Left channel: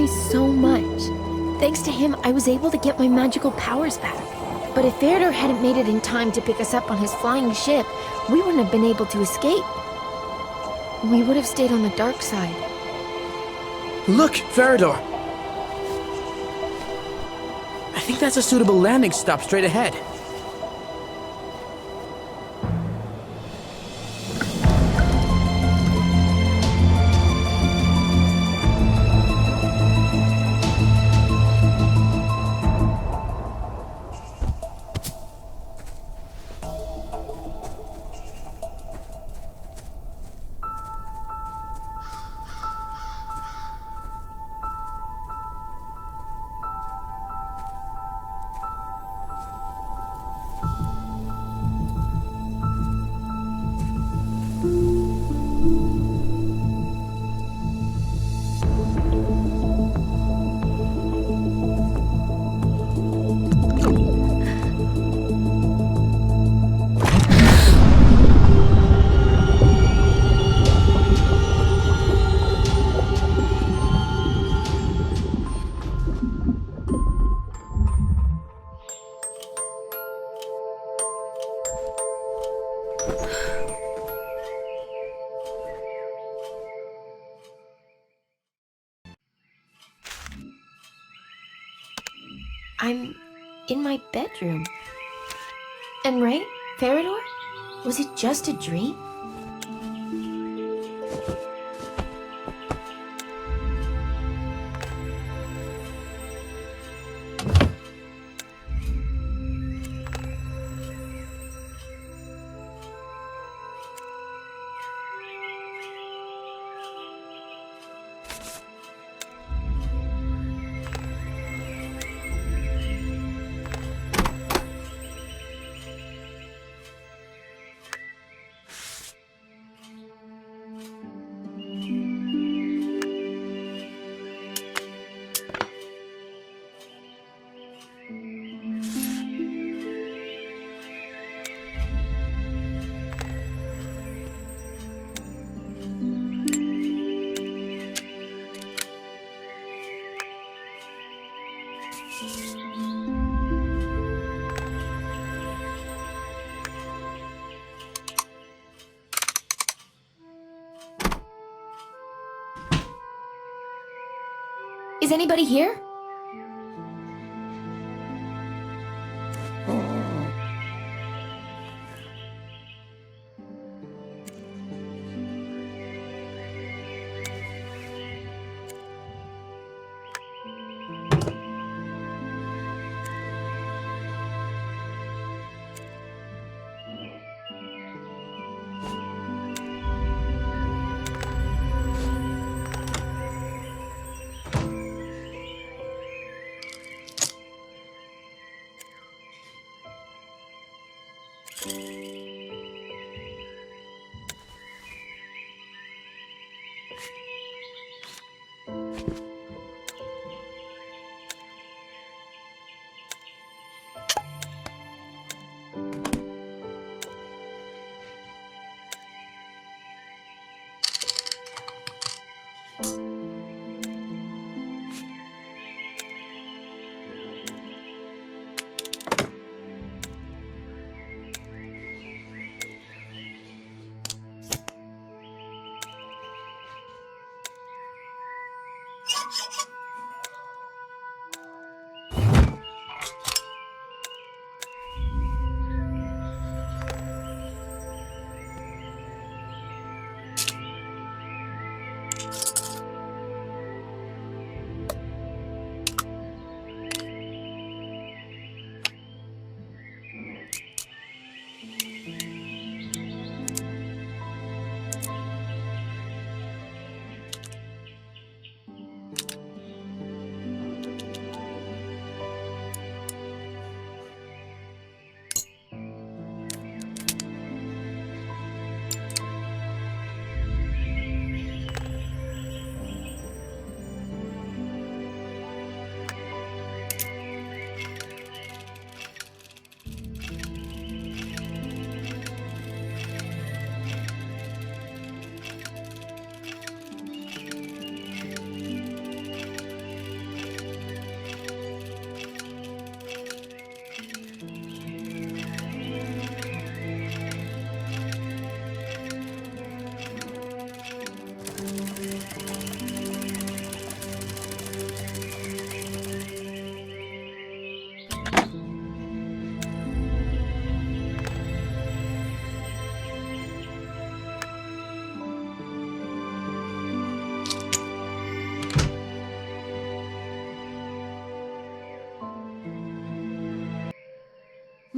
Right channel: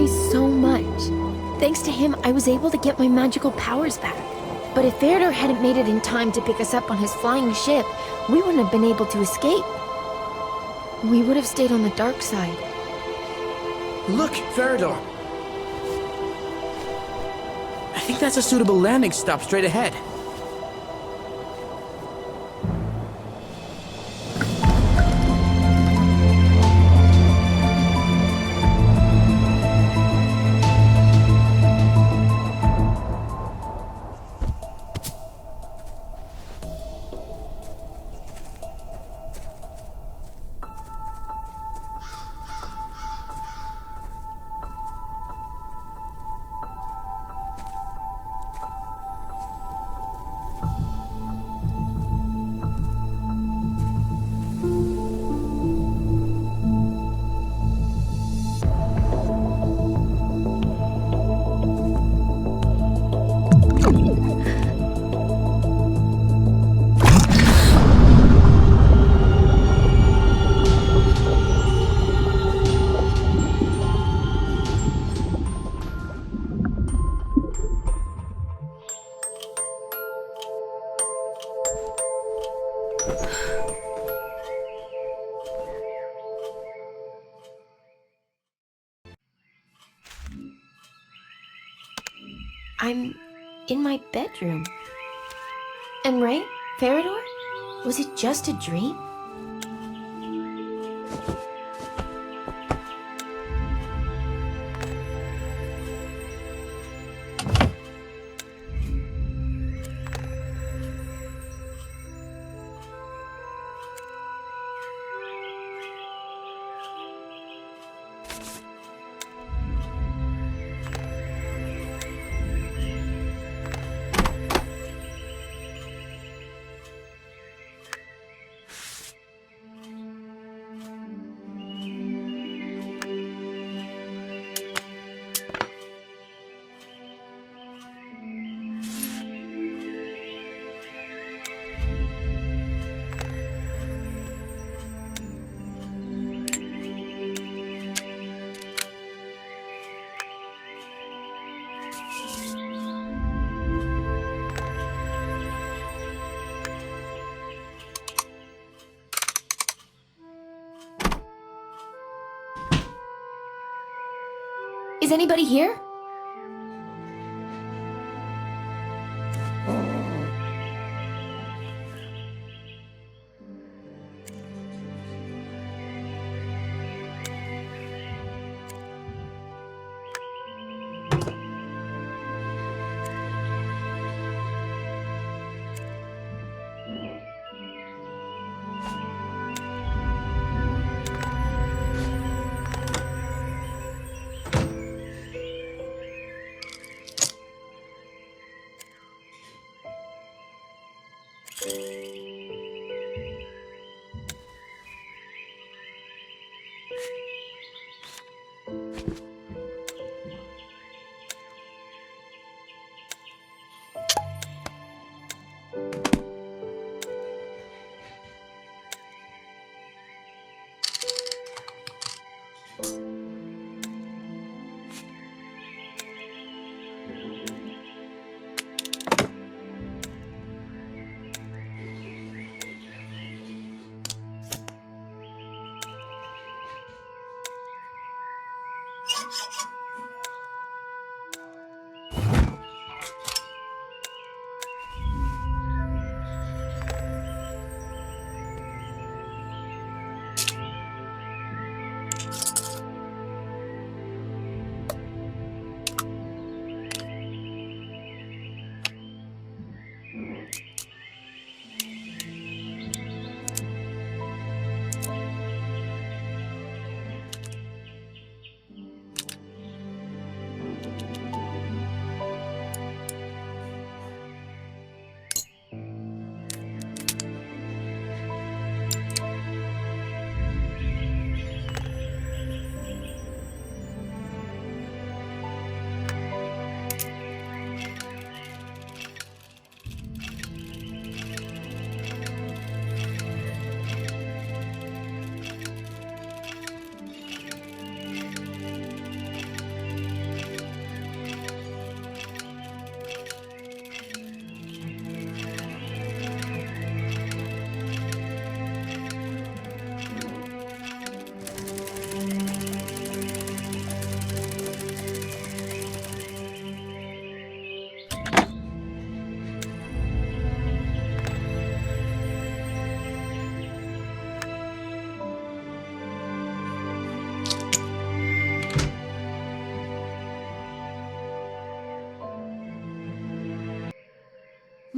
guys so much. Thanks to him, I was able to get my magical powers back. But if Feridor hadn't made it in time to pick us up on his flying ship, we wouldn't have been able to escape. We would have stayed on the dark side. Look, Feridor! I think that's a suitable landing stop straight ahead. I'm in my bedroom. And right, Feridor? Was it just a dream? Is anybody here?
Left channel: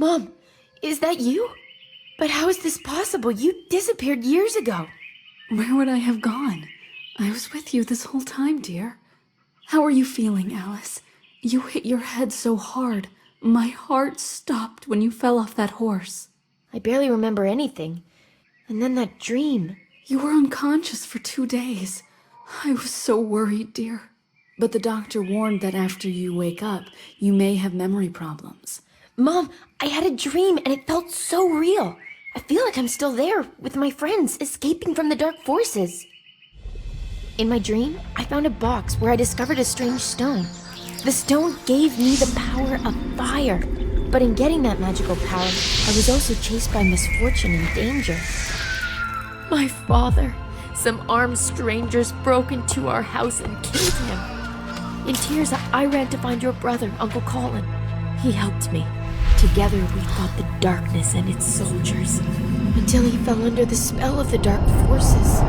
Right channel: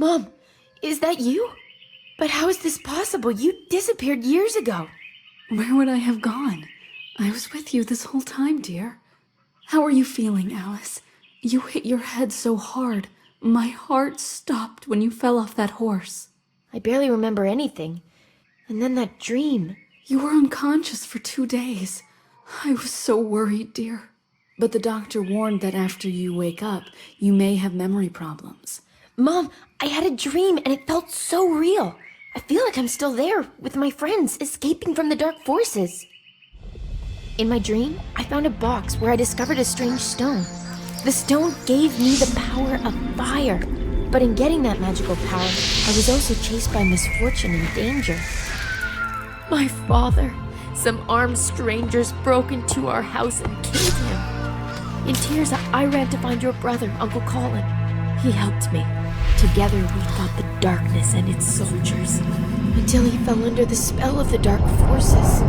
Mom, is that you? But how is this possible? You disappeared years ago. Where would I have gone? I was with you this whole time, dear. How are you feeling, Alice? You hit your head so hard. My heart stopped when you fell off that horse. I barely remember anything. And then that dream. You were unconscious for 2 days. I was so worried, dear. But the doctor warned that after you wake up, you may have memory problems. Mom, I had a dream and it felt so real. I feel like I'm still there with my friends, escaping from the dark forces. In my dream, I found a box where I discovered a strange stone. The stone gave me the power of fire. But in getting that magical power, I was also chased by misfortune and danger. My father, some armed strangers broke into our house and killed him. In tears, I ran to find your brother, Uncle Colin. He helped me. Together, we fought the darkness and its soldiers, until he fell under the spell of the dark forces.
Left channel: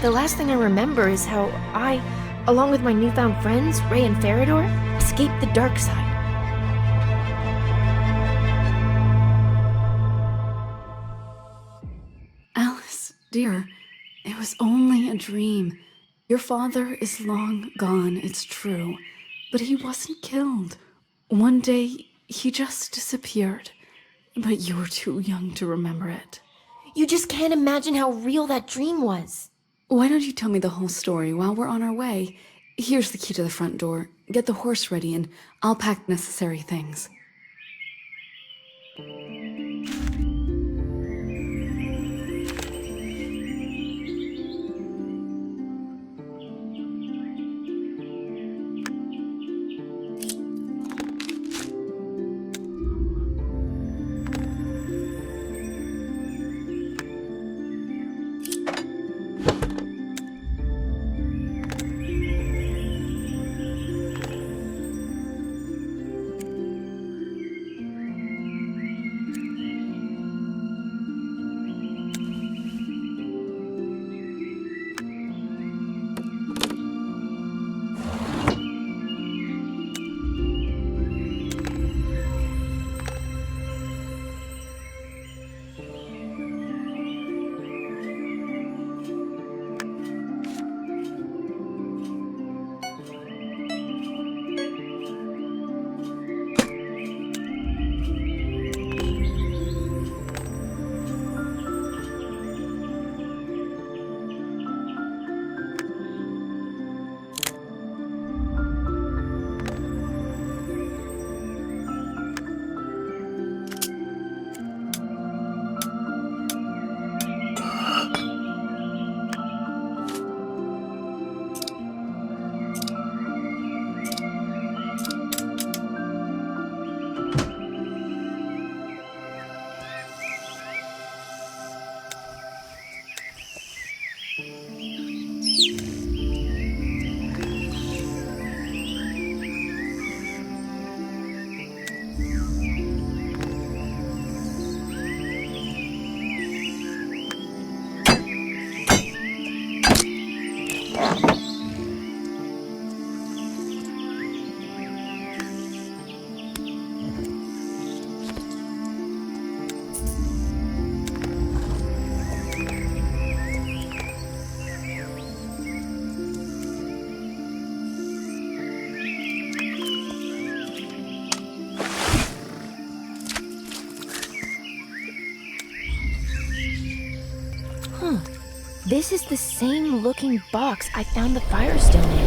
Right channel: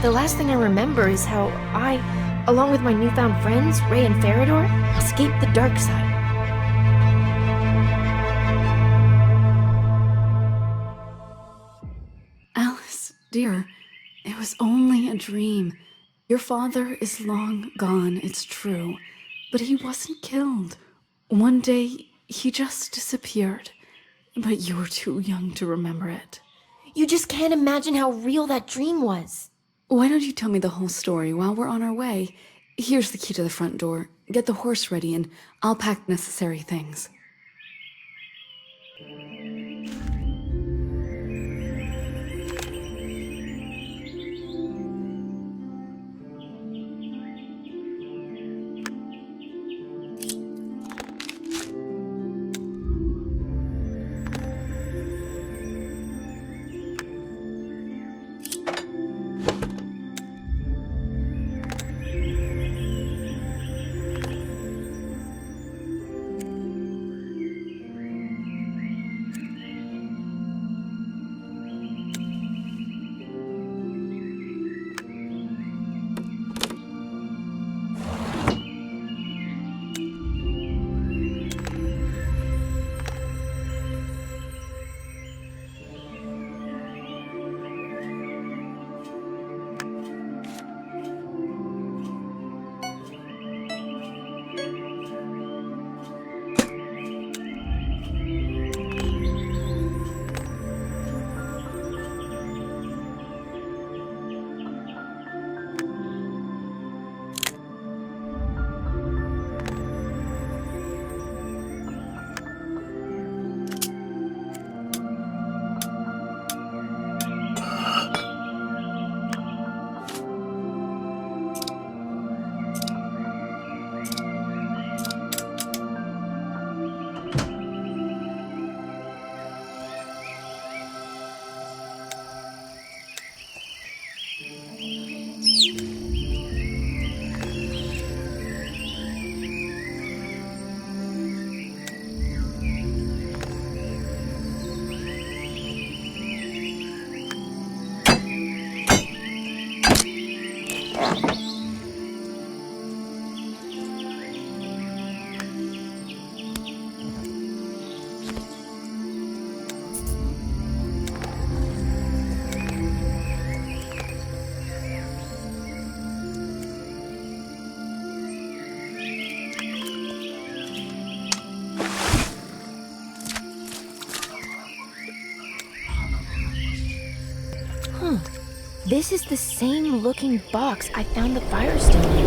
The last thing I remember is how I, along with my newfound friends, Ray and Farador, escaped the dark side. Alice, dear, it was only a dream. Your father is long gone, it's true, but he wasn't killed. One day, he just disappeared, but you were too young to remember it. You just can't imagine how real that dream was. Why don't you tell me the whole story while we're on our way? Here's the key to the front door. Get the horse ready and I'll pack necessary things. This is the same looking box I found the firestone in.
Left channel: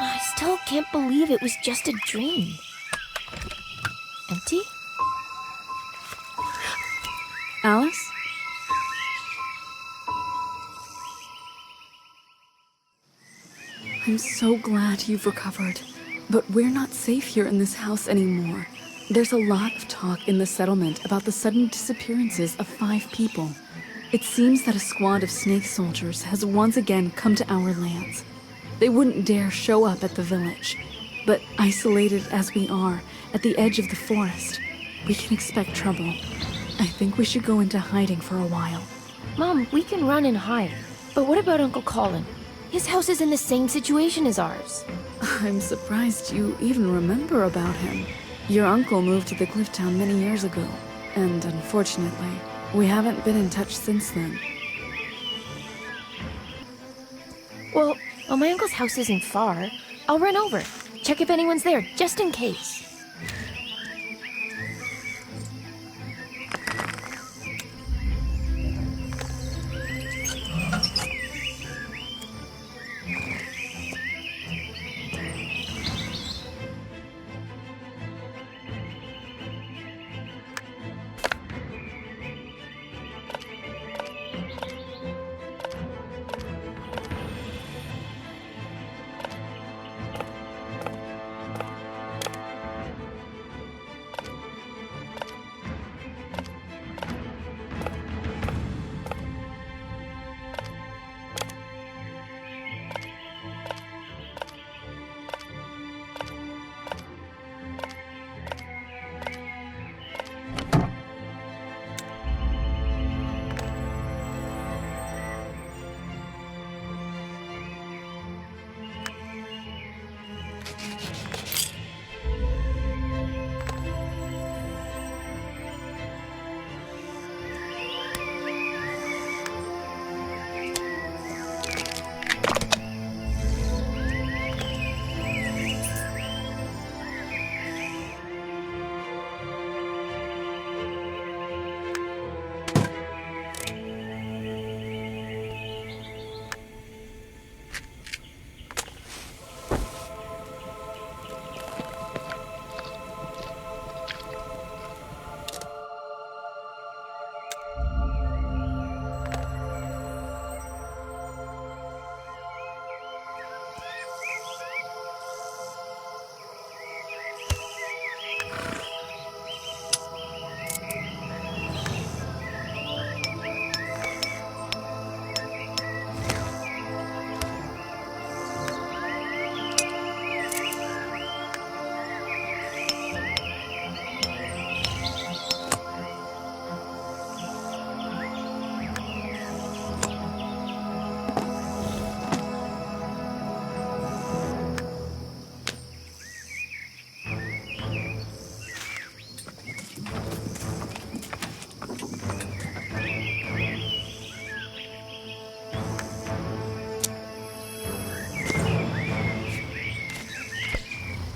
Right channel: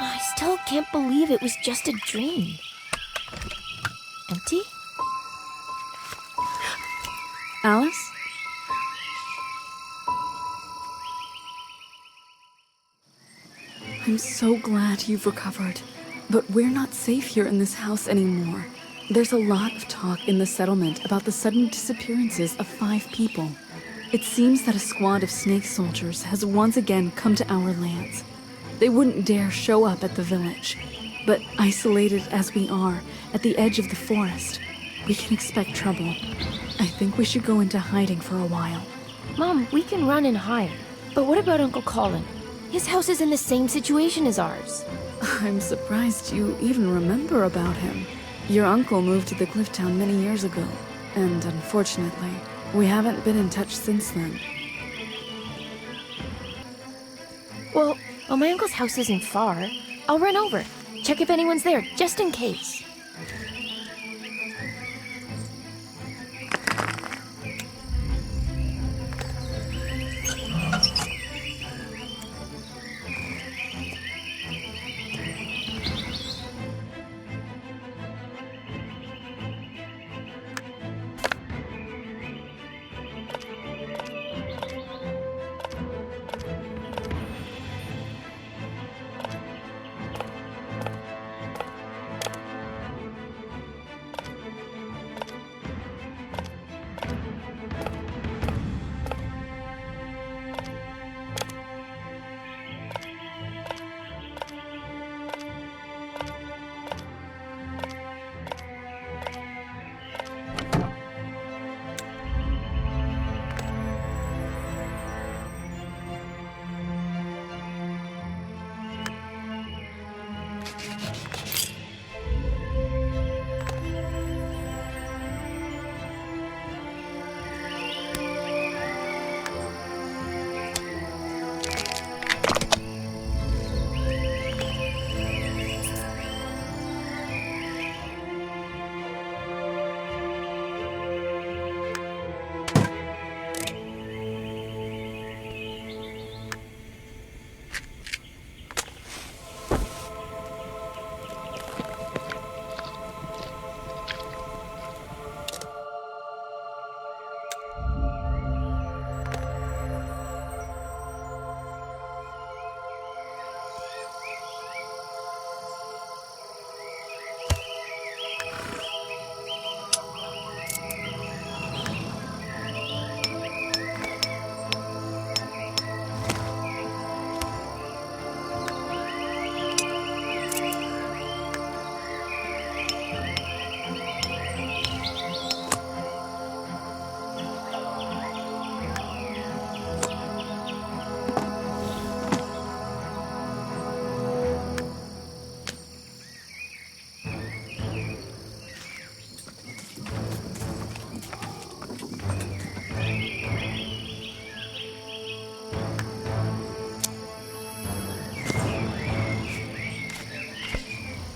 I still can't believe it was just a dream. Empty? Alice? I'm so glad you've recovered, but we're not safe here in this house anymore. There's a lot of talk in the settlement about the sudden disappearances of 5 people. It seems that a squad of snake soldiers has once again come to our lands. They wouldn't dare show up at the village, but isolated as we are at the edge of the forest, we can expect trouble. I think we should go into hiding for a while. Mom, we can run and hide. But what about Uncle Colin? His house is in the same situation as ours. I'm surprised you even remember about him. Your uncle moved to the cliff town many years ago, and unfortunately, we haven't been in touch since then. Well, my uncle's house isn't far. I'll run over, check if anyone's there, just in case.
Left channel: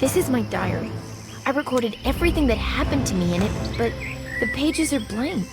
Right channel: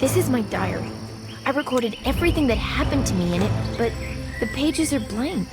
This is my diary. I recorded everything that happened to me in it, but the pages are blank.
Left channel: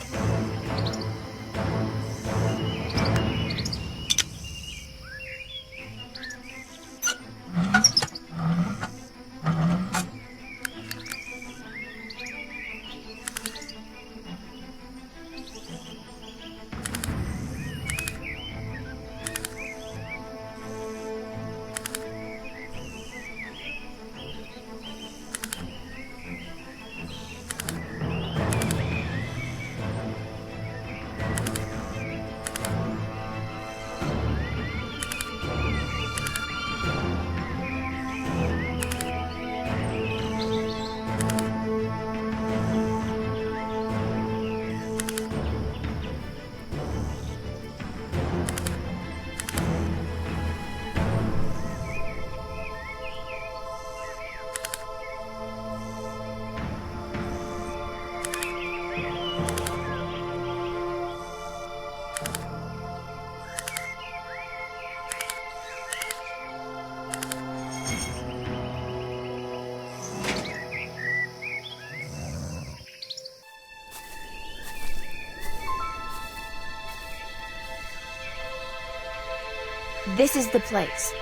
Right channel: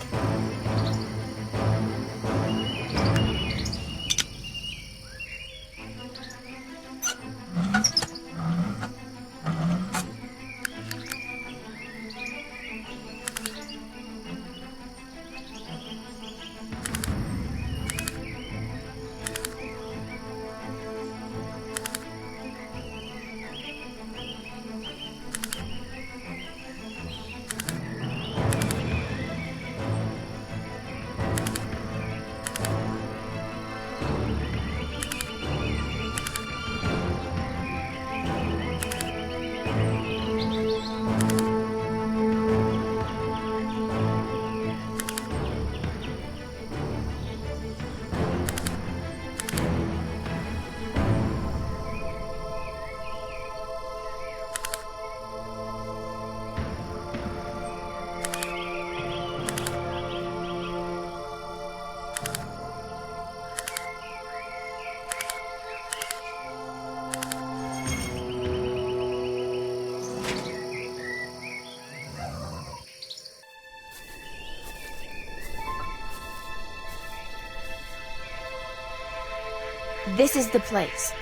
This is the place.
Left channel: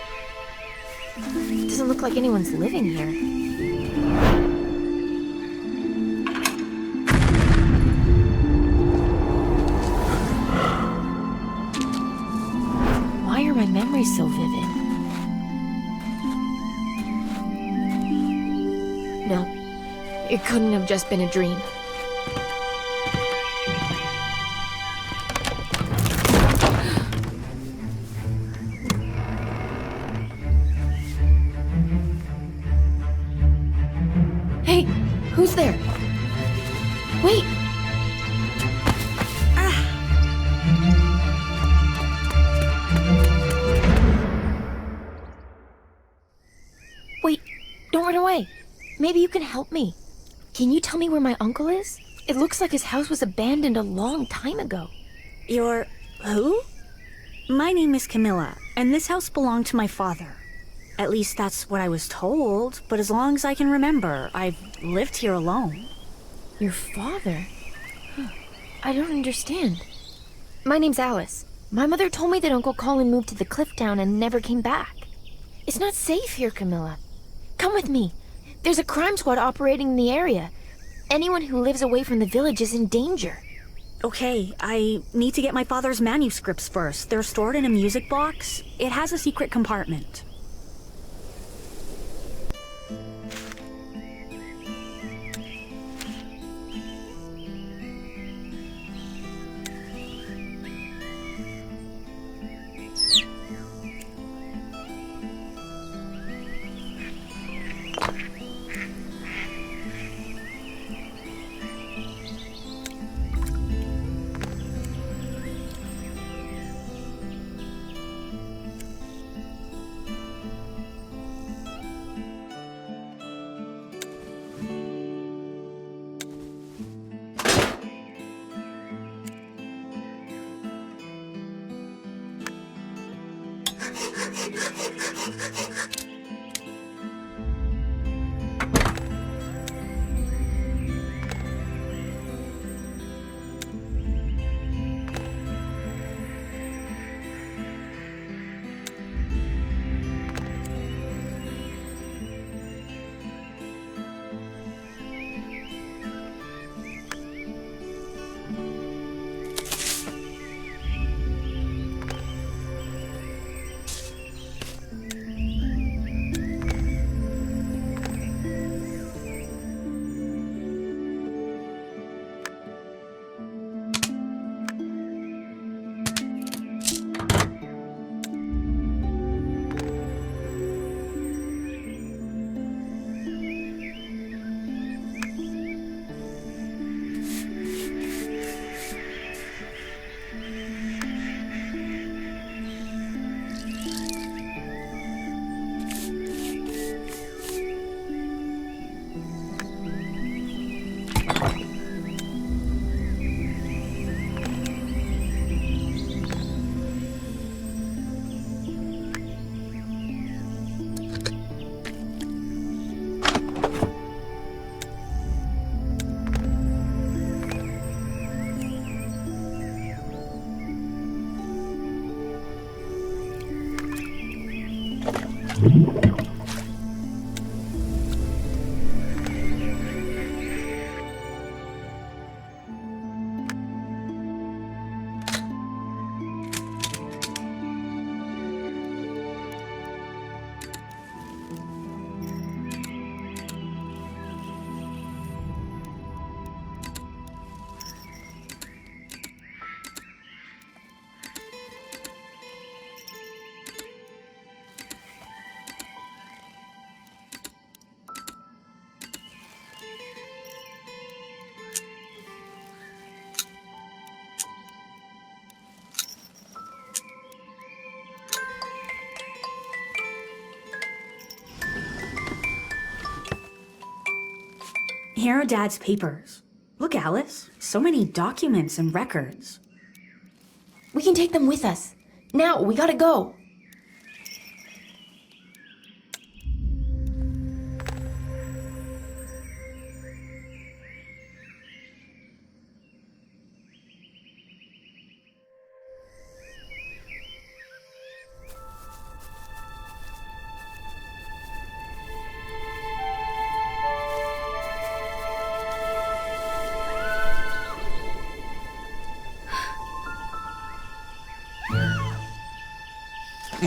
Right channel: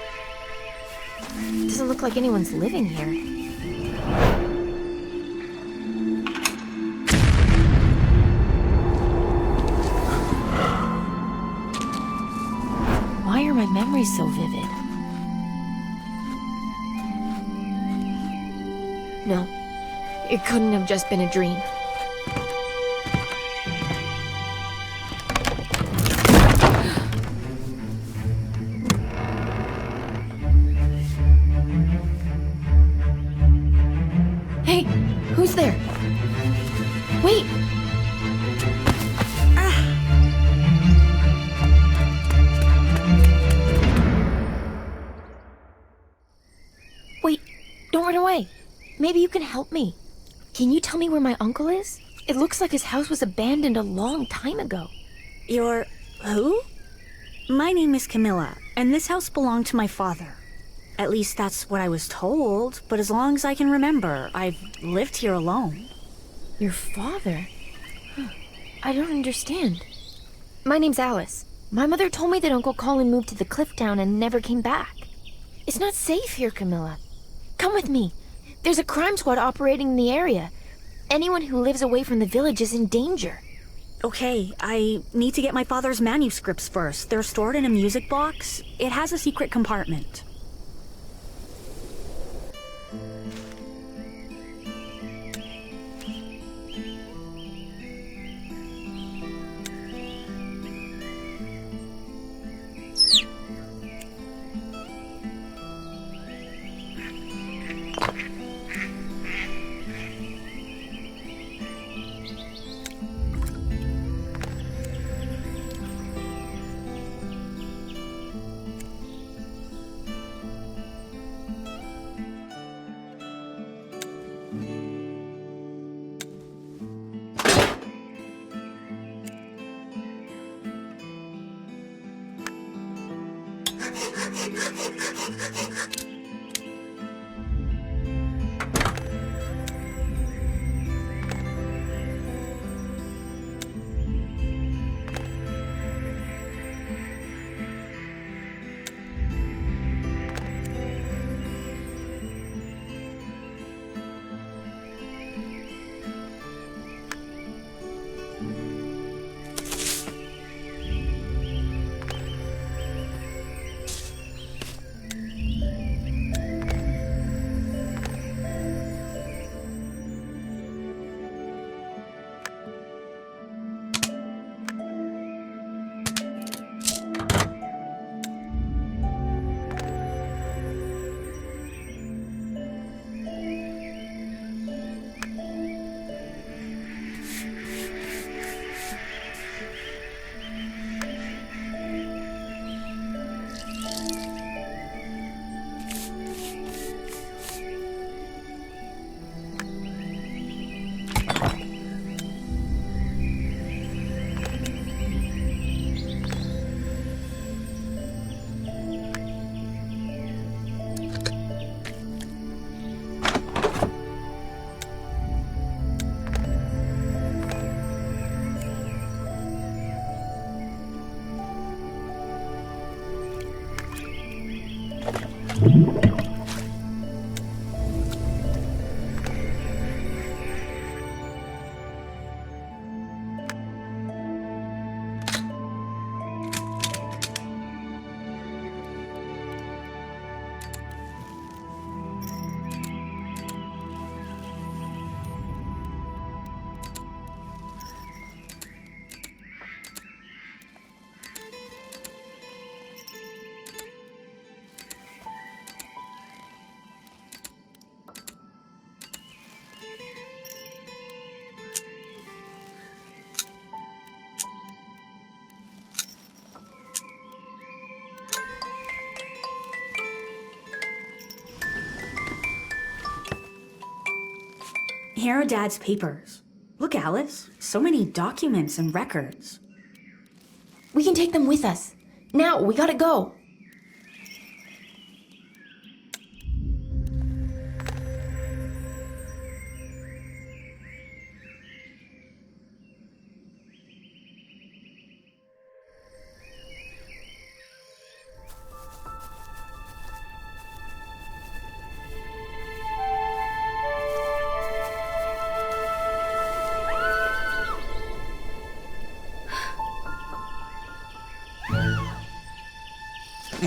Doesn't look like anyone's living here. Why are my memories so vivid? No, it couldn't have just been a dream. Hey, who's there? Wait! Don't run away. Maybe you can help me. Can you tell me where my uncle is? It looks like his house was abandoned a long time ago. You're... who? My name is Camilla, and this house belonged to my father. At least that's what I was told, but as long as I can remember, I've lived here alone. Your father? Huh. I don't understand. My name's Alice. My mother told me that Uncle Colin moved to the cliff town and never came back. It's not safe here, Camilla. Come with me. There's a crime squad operating in the area. Anyone who lives away from the village is in danger. Okay, I need to get my father's manuscripts first. They're stored in a music box. It has a secret compartment. Here are Dad's papers. Look, Alice, so many documents and records. We can take them with us. Now, we gotta go.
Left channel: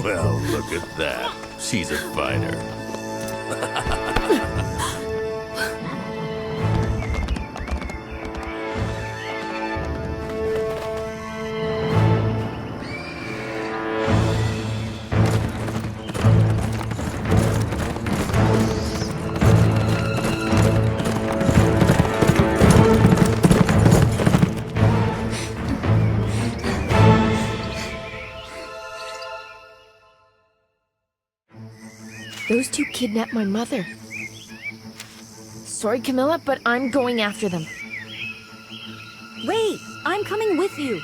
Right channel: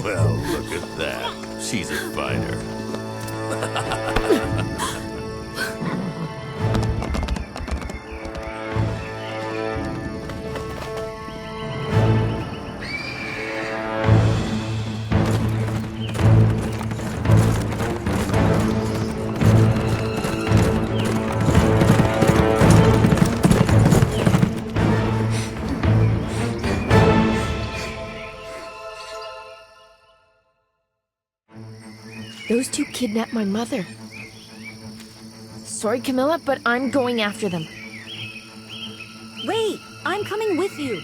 Well, look at that. She's a fighter. Those two kidnapped my mother. Sorry, Camilla, but I'm going after them. Wait, I'm coming with you.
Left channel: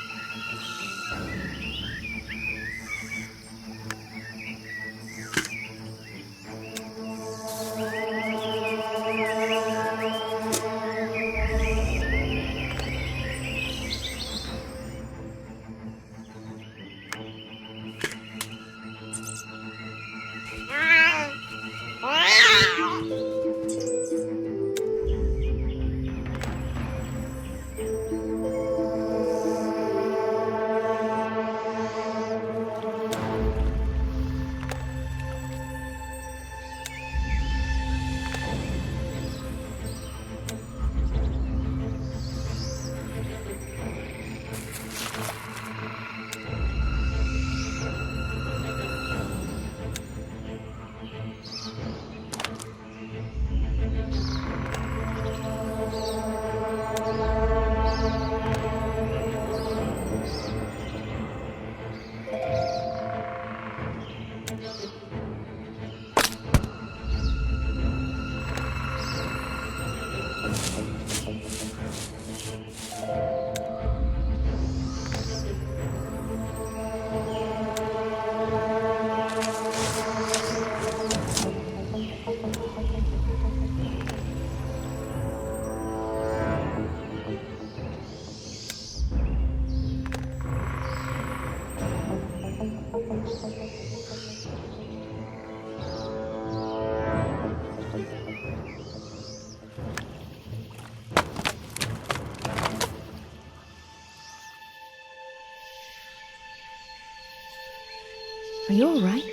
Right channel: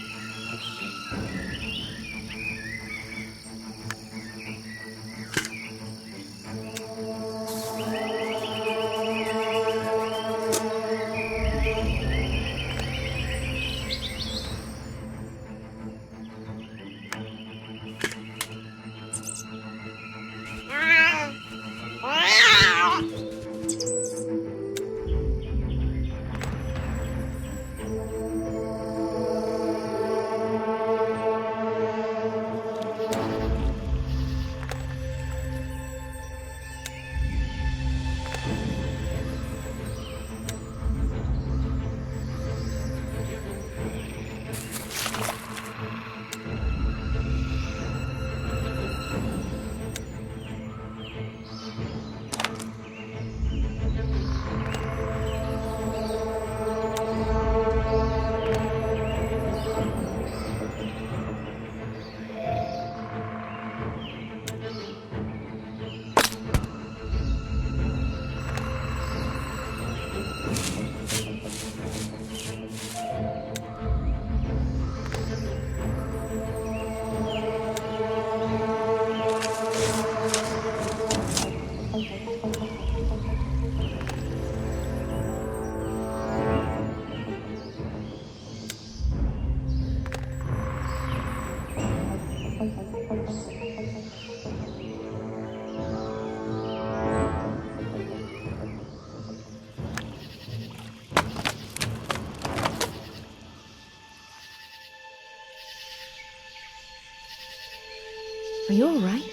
Are you alright?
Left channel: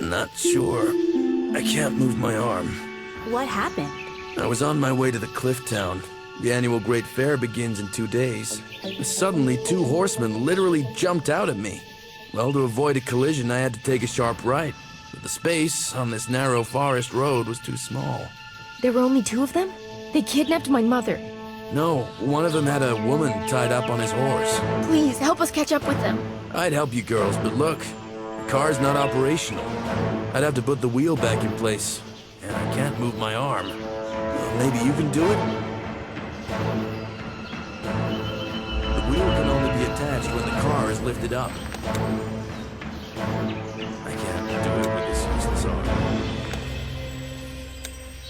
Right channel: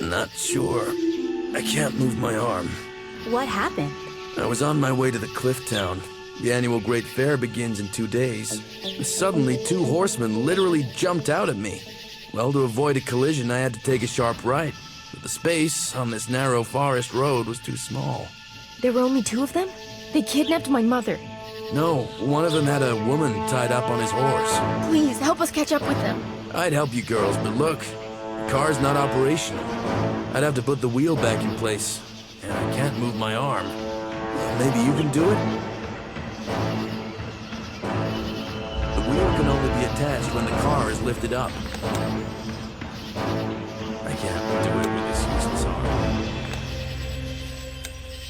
Not sure. I can't move my arm. What happened? I was on my way to the cliff town. The annual Great Fair begins in 2 days. Suddenly, 2 horsemen literally jumped out at me. Well, to avoid a collision, I had to take a sharp right. But the space on this narrow forest road was too small. There were only 2 of them? They kidnapped my mother. No, one of them had a woman tied up on his horse. Please, help us catch up with them. I'd help you girls, but look, the car's not operational. I'd have to put the wheel back in place, and I can't move my arm. Well, maybe you can do it? The wheel can only be attached when the car is lifted up. I can't do it with this useless arm.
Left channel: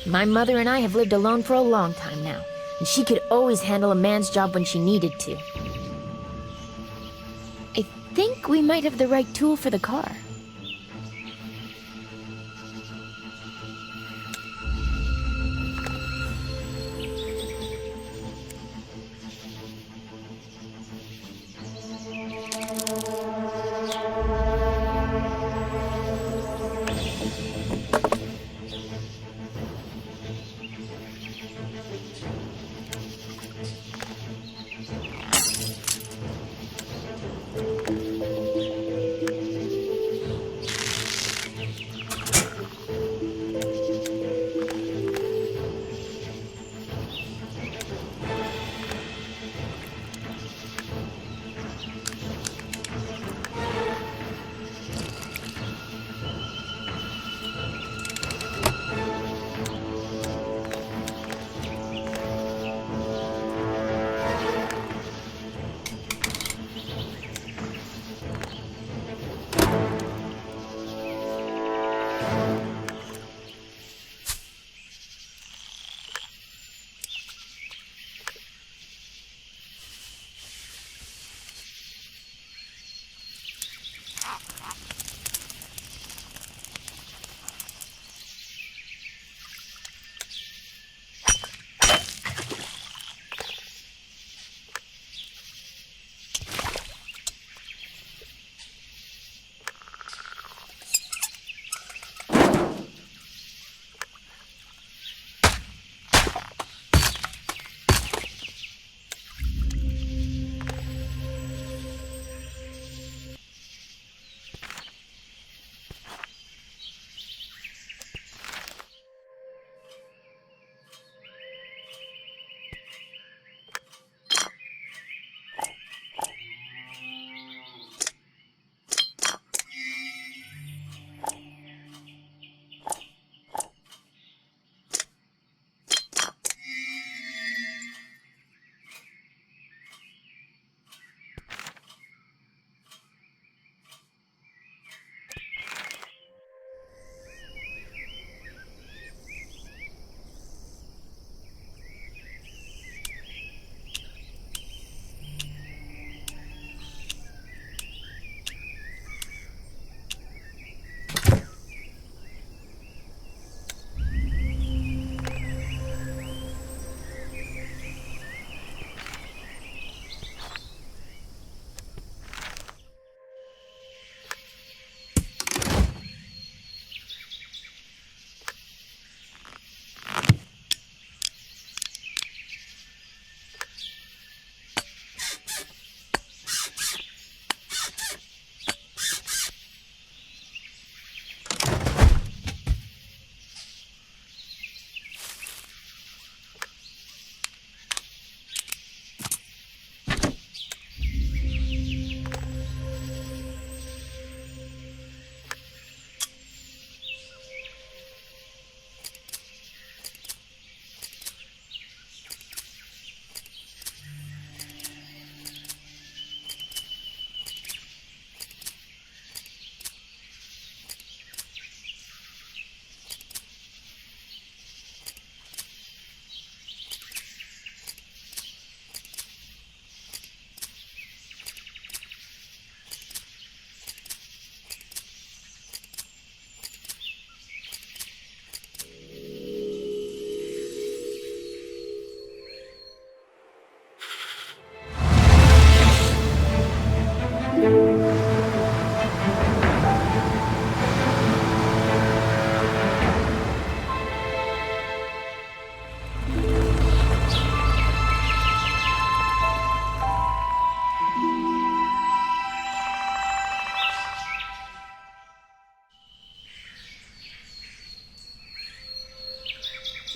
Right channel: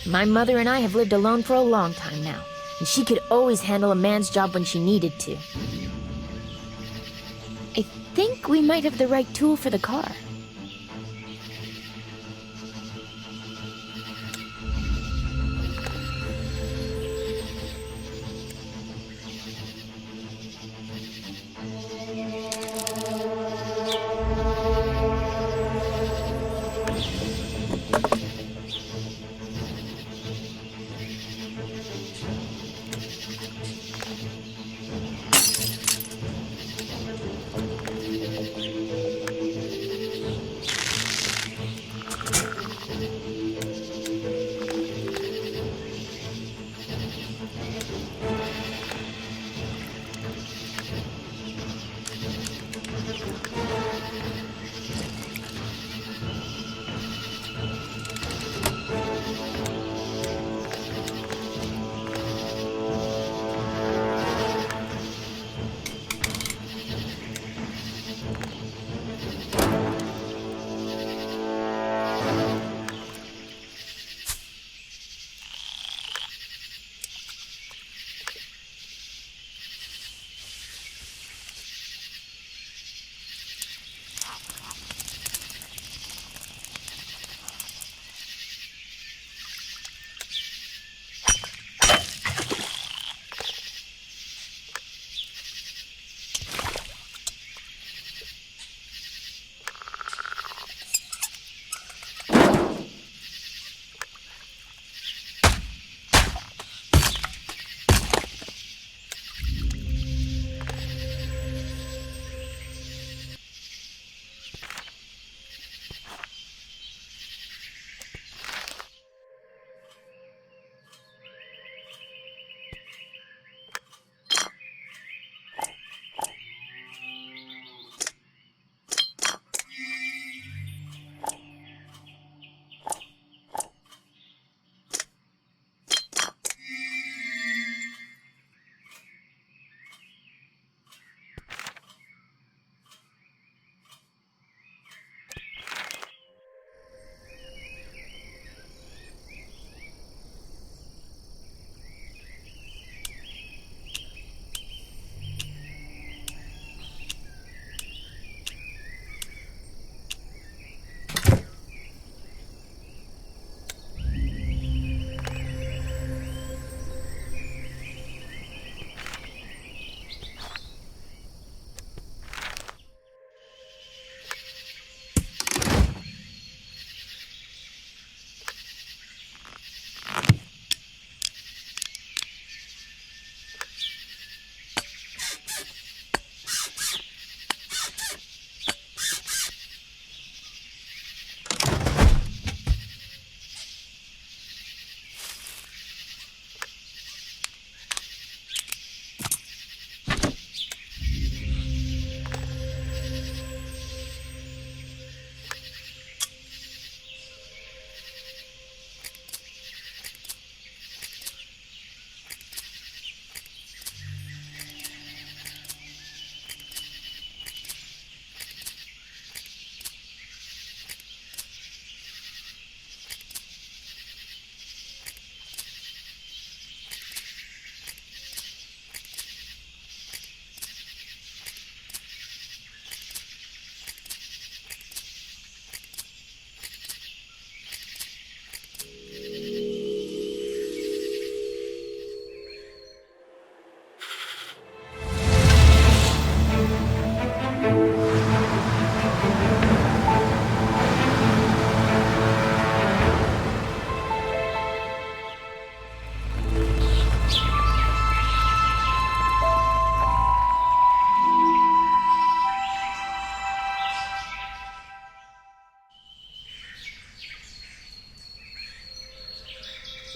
My mother and I have lived alone for a long time now, and she could always handle a man's job when she needed to. I think we might have the right tool for the car.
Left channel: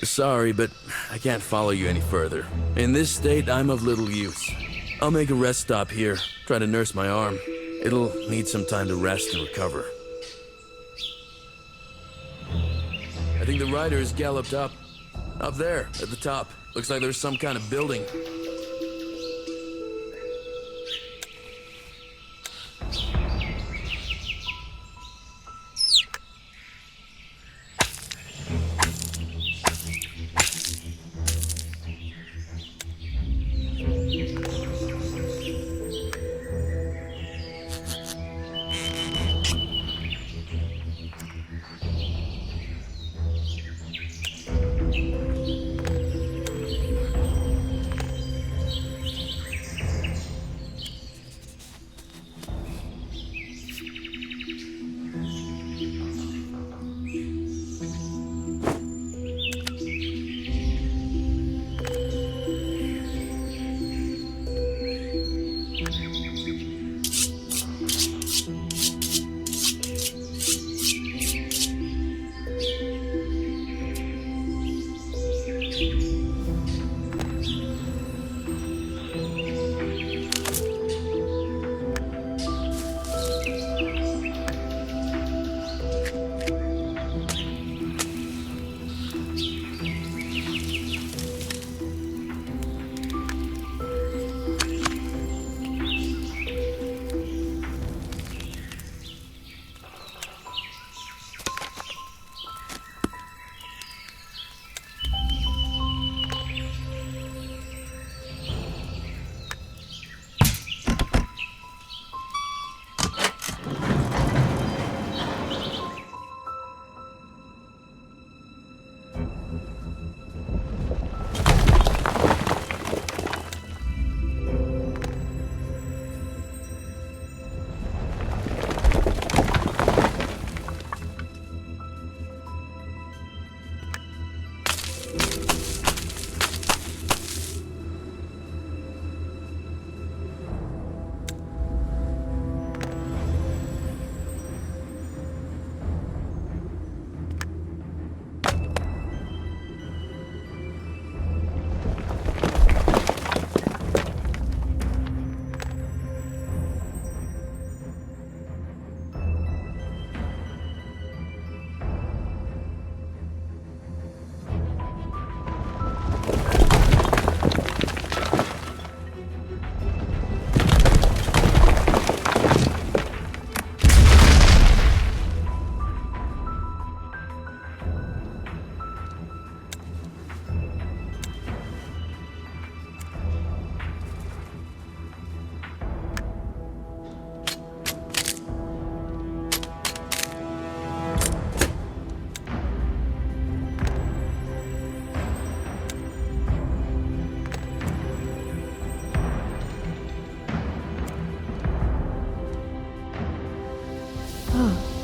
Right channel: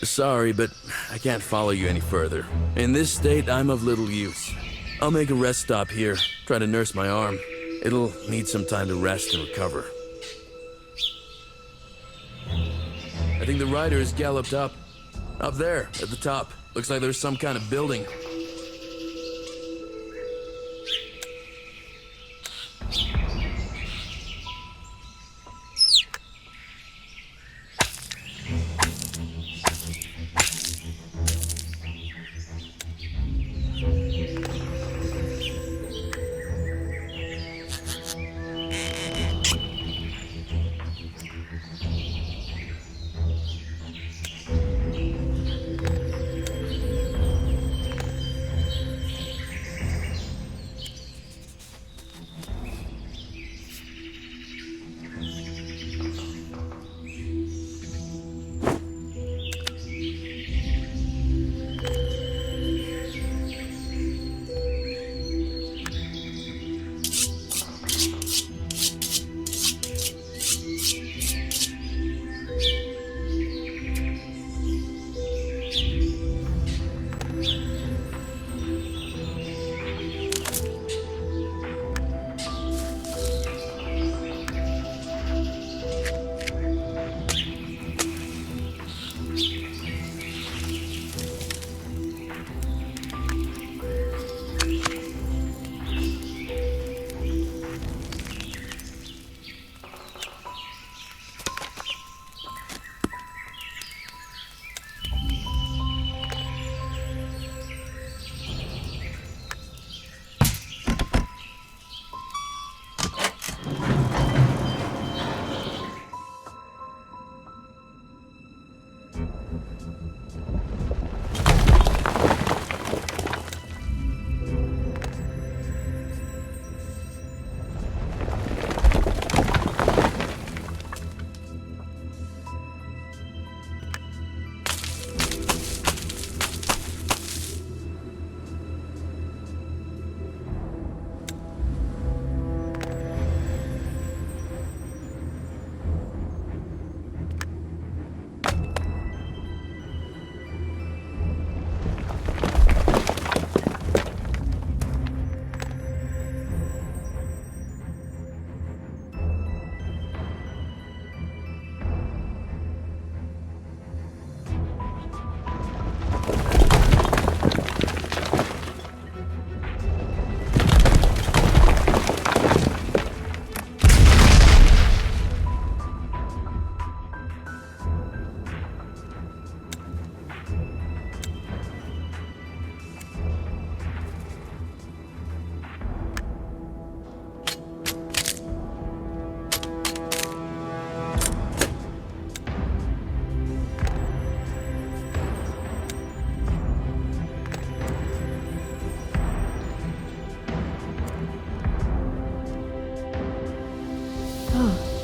Sorry, but I can't follow you any further. In this state, I'm of little use. I'll make a rest stop here, try to nurse my arm. It'll need some time to rest and recover. I think the rider has galloped up. Up there, at the top. Looks like there's some kind of building.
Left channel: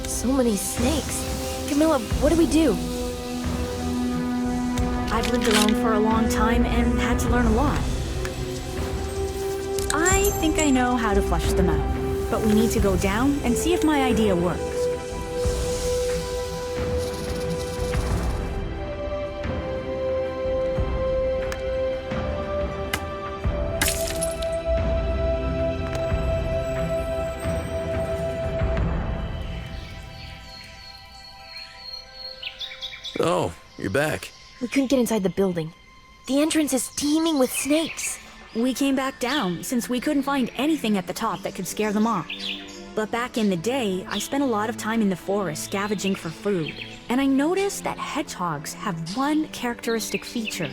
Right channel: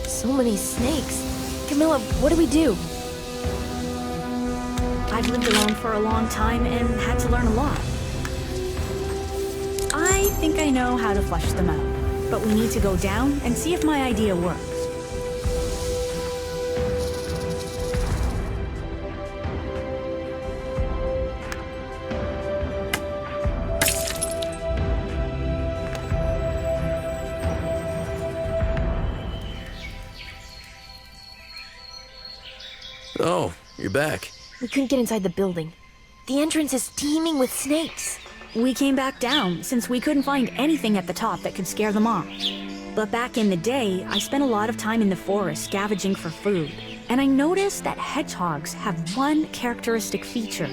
So many snakes. Camilla, what do we do? I've lived alone for a long time and had to learn a lot. I think I know how to flush them out, but we need to go down and see if my idea works. Oh, you're back. We couldn't get inside the building. The entrance is teeming with snakes. We came back down since we couldn't find anything at the top that could scare them off. But back in the day, I spent a lot of time in the forest scavenging for food, and I noticed that hedgehogs have one characteristic feature.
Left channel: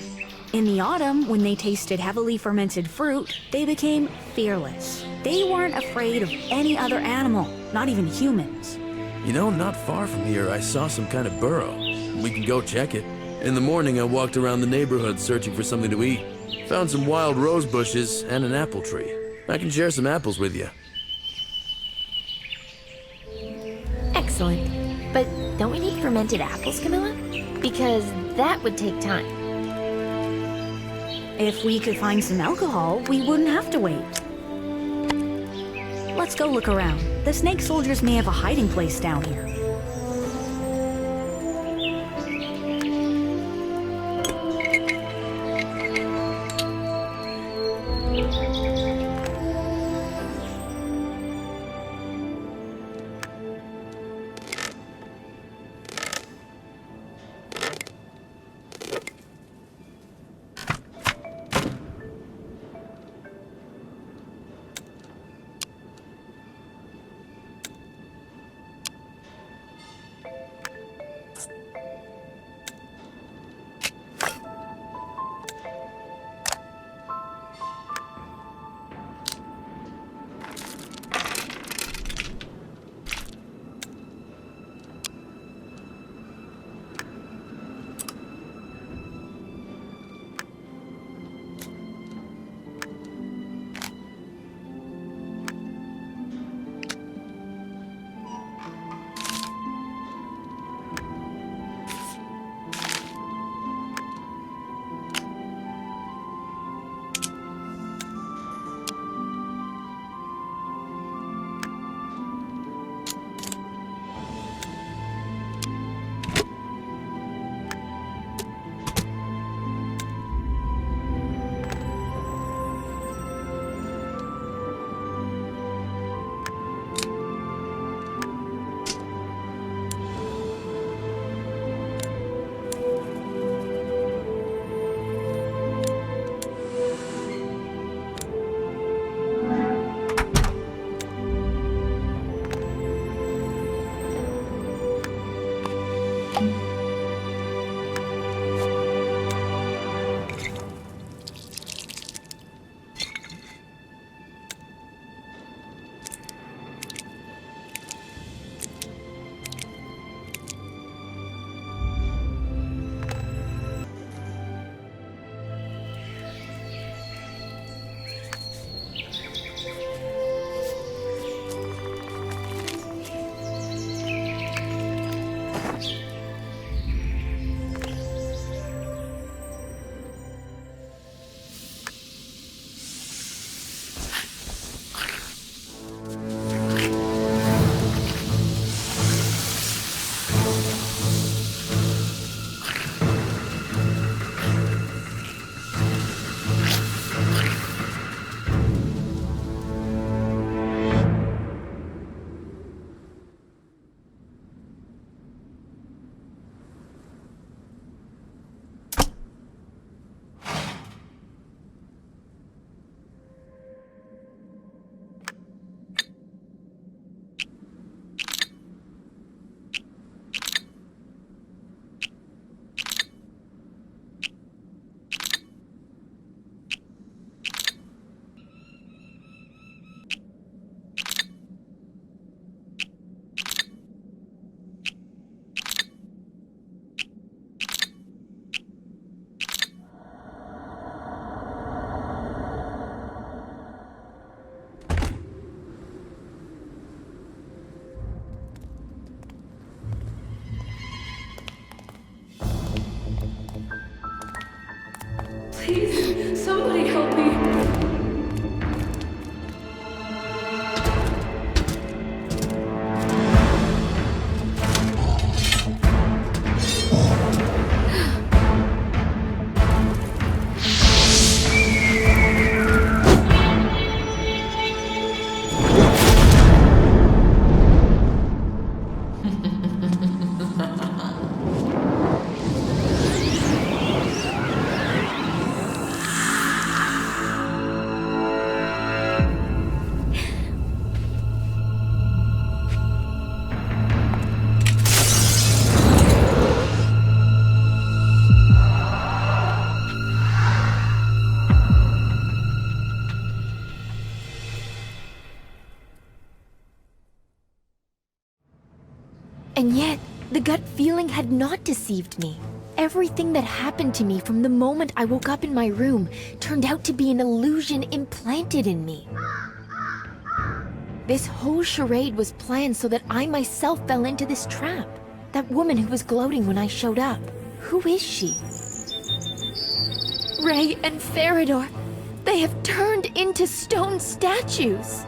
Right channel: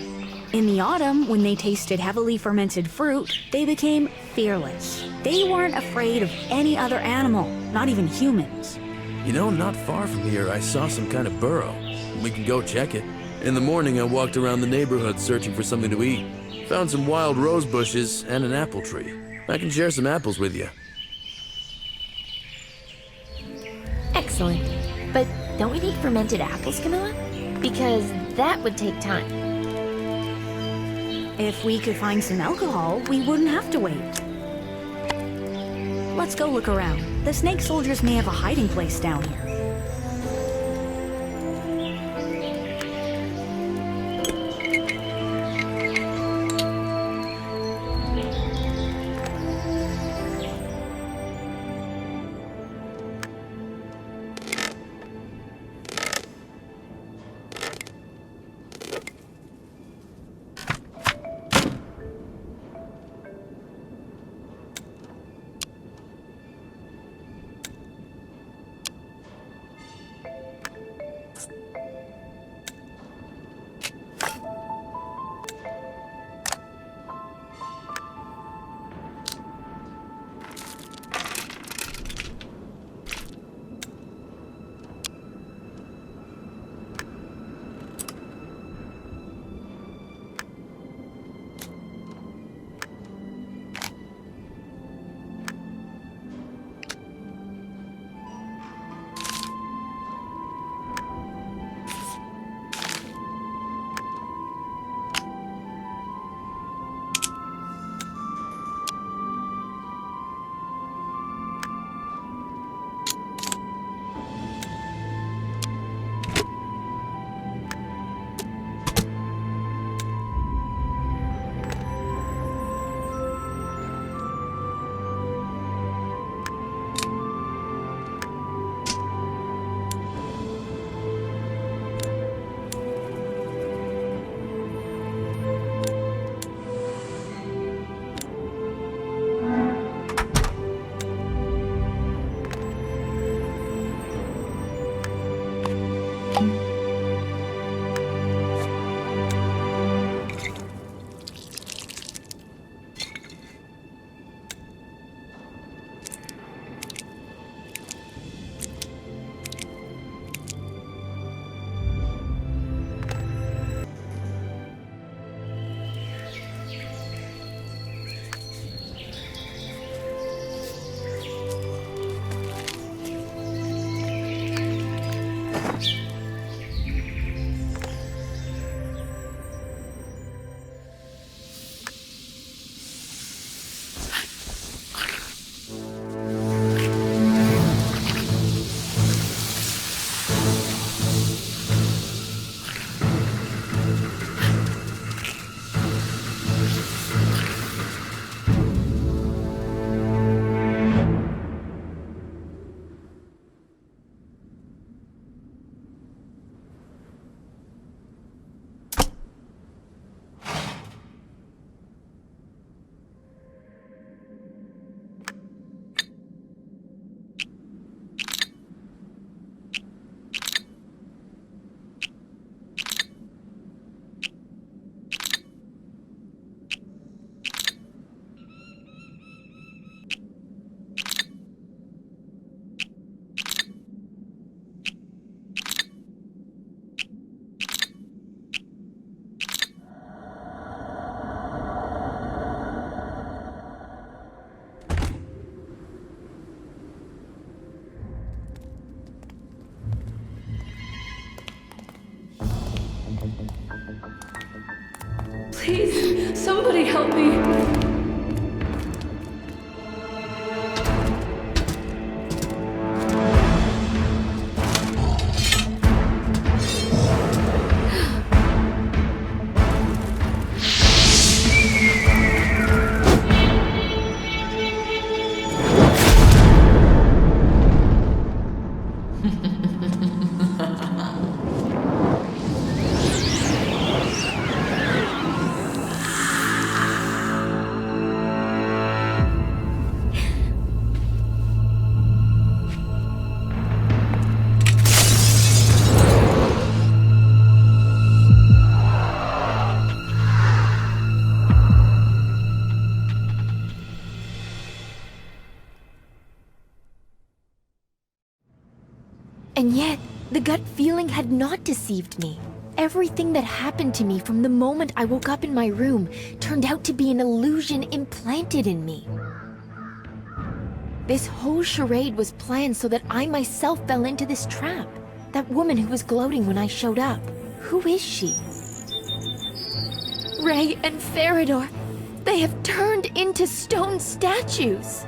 In the autumn, when they tasted heavily fermented fruit, they became fearless. They weren't afraid of any other animal, not even humans. You know, not far from here, I saw some kind of burrow. We can go check it. In the morning, I walked around the neighborhood searching for something to eat. Found some wild rose bushes and an apple tree. I can share some apples with you. Excellent. But don't we need fermented apples, Camilla? Because that would take time. If we could find some alcohol, we wouldn't have to wait. Let's go look around. The snake soldiers may have a hiding place down here. Please, somebody help me. And yet, the gut feeling had not deceived me. Everything that happened to me from the moment I woke up in my room turned out to be an illusion implanted in me. This whole charade was planned so that I myself fell into this trap. That woman who was gloating when I showed up. Who is she? Ray and Farador, they have turned into stone statues.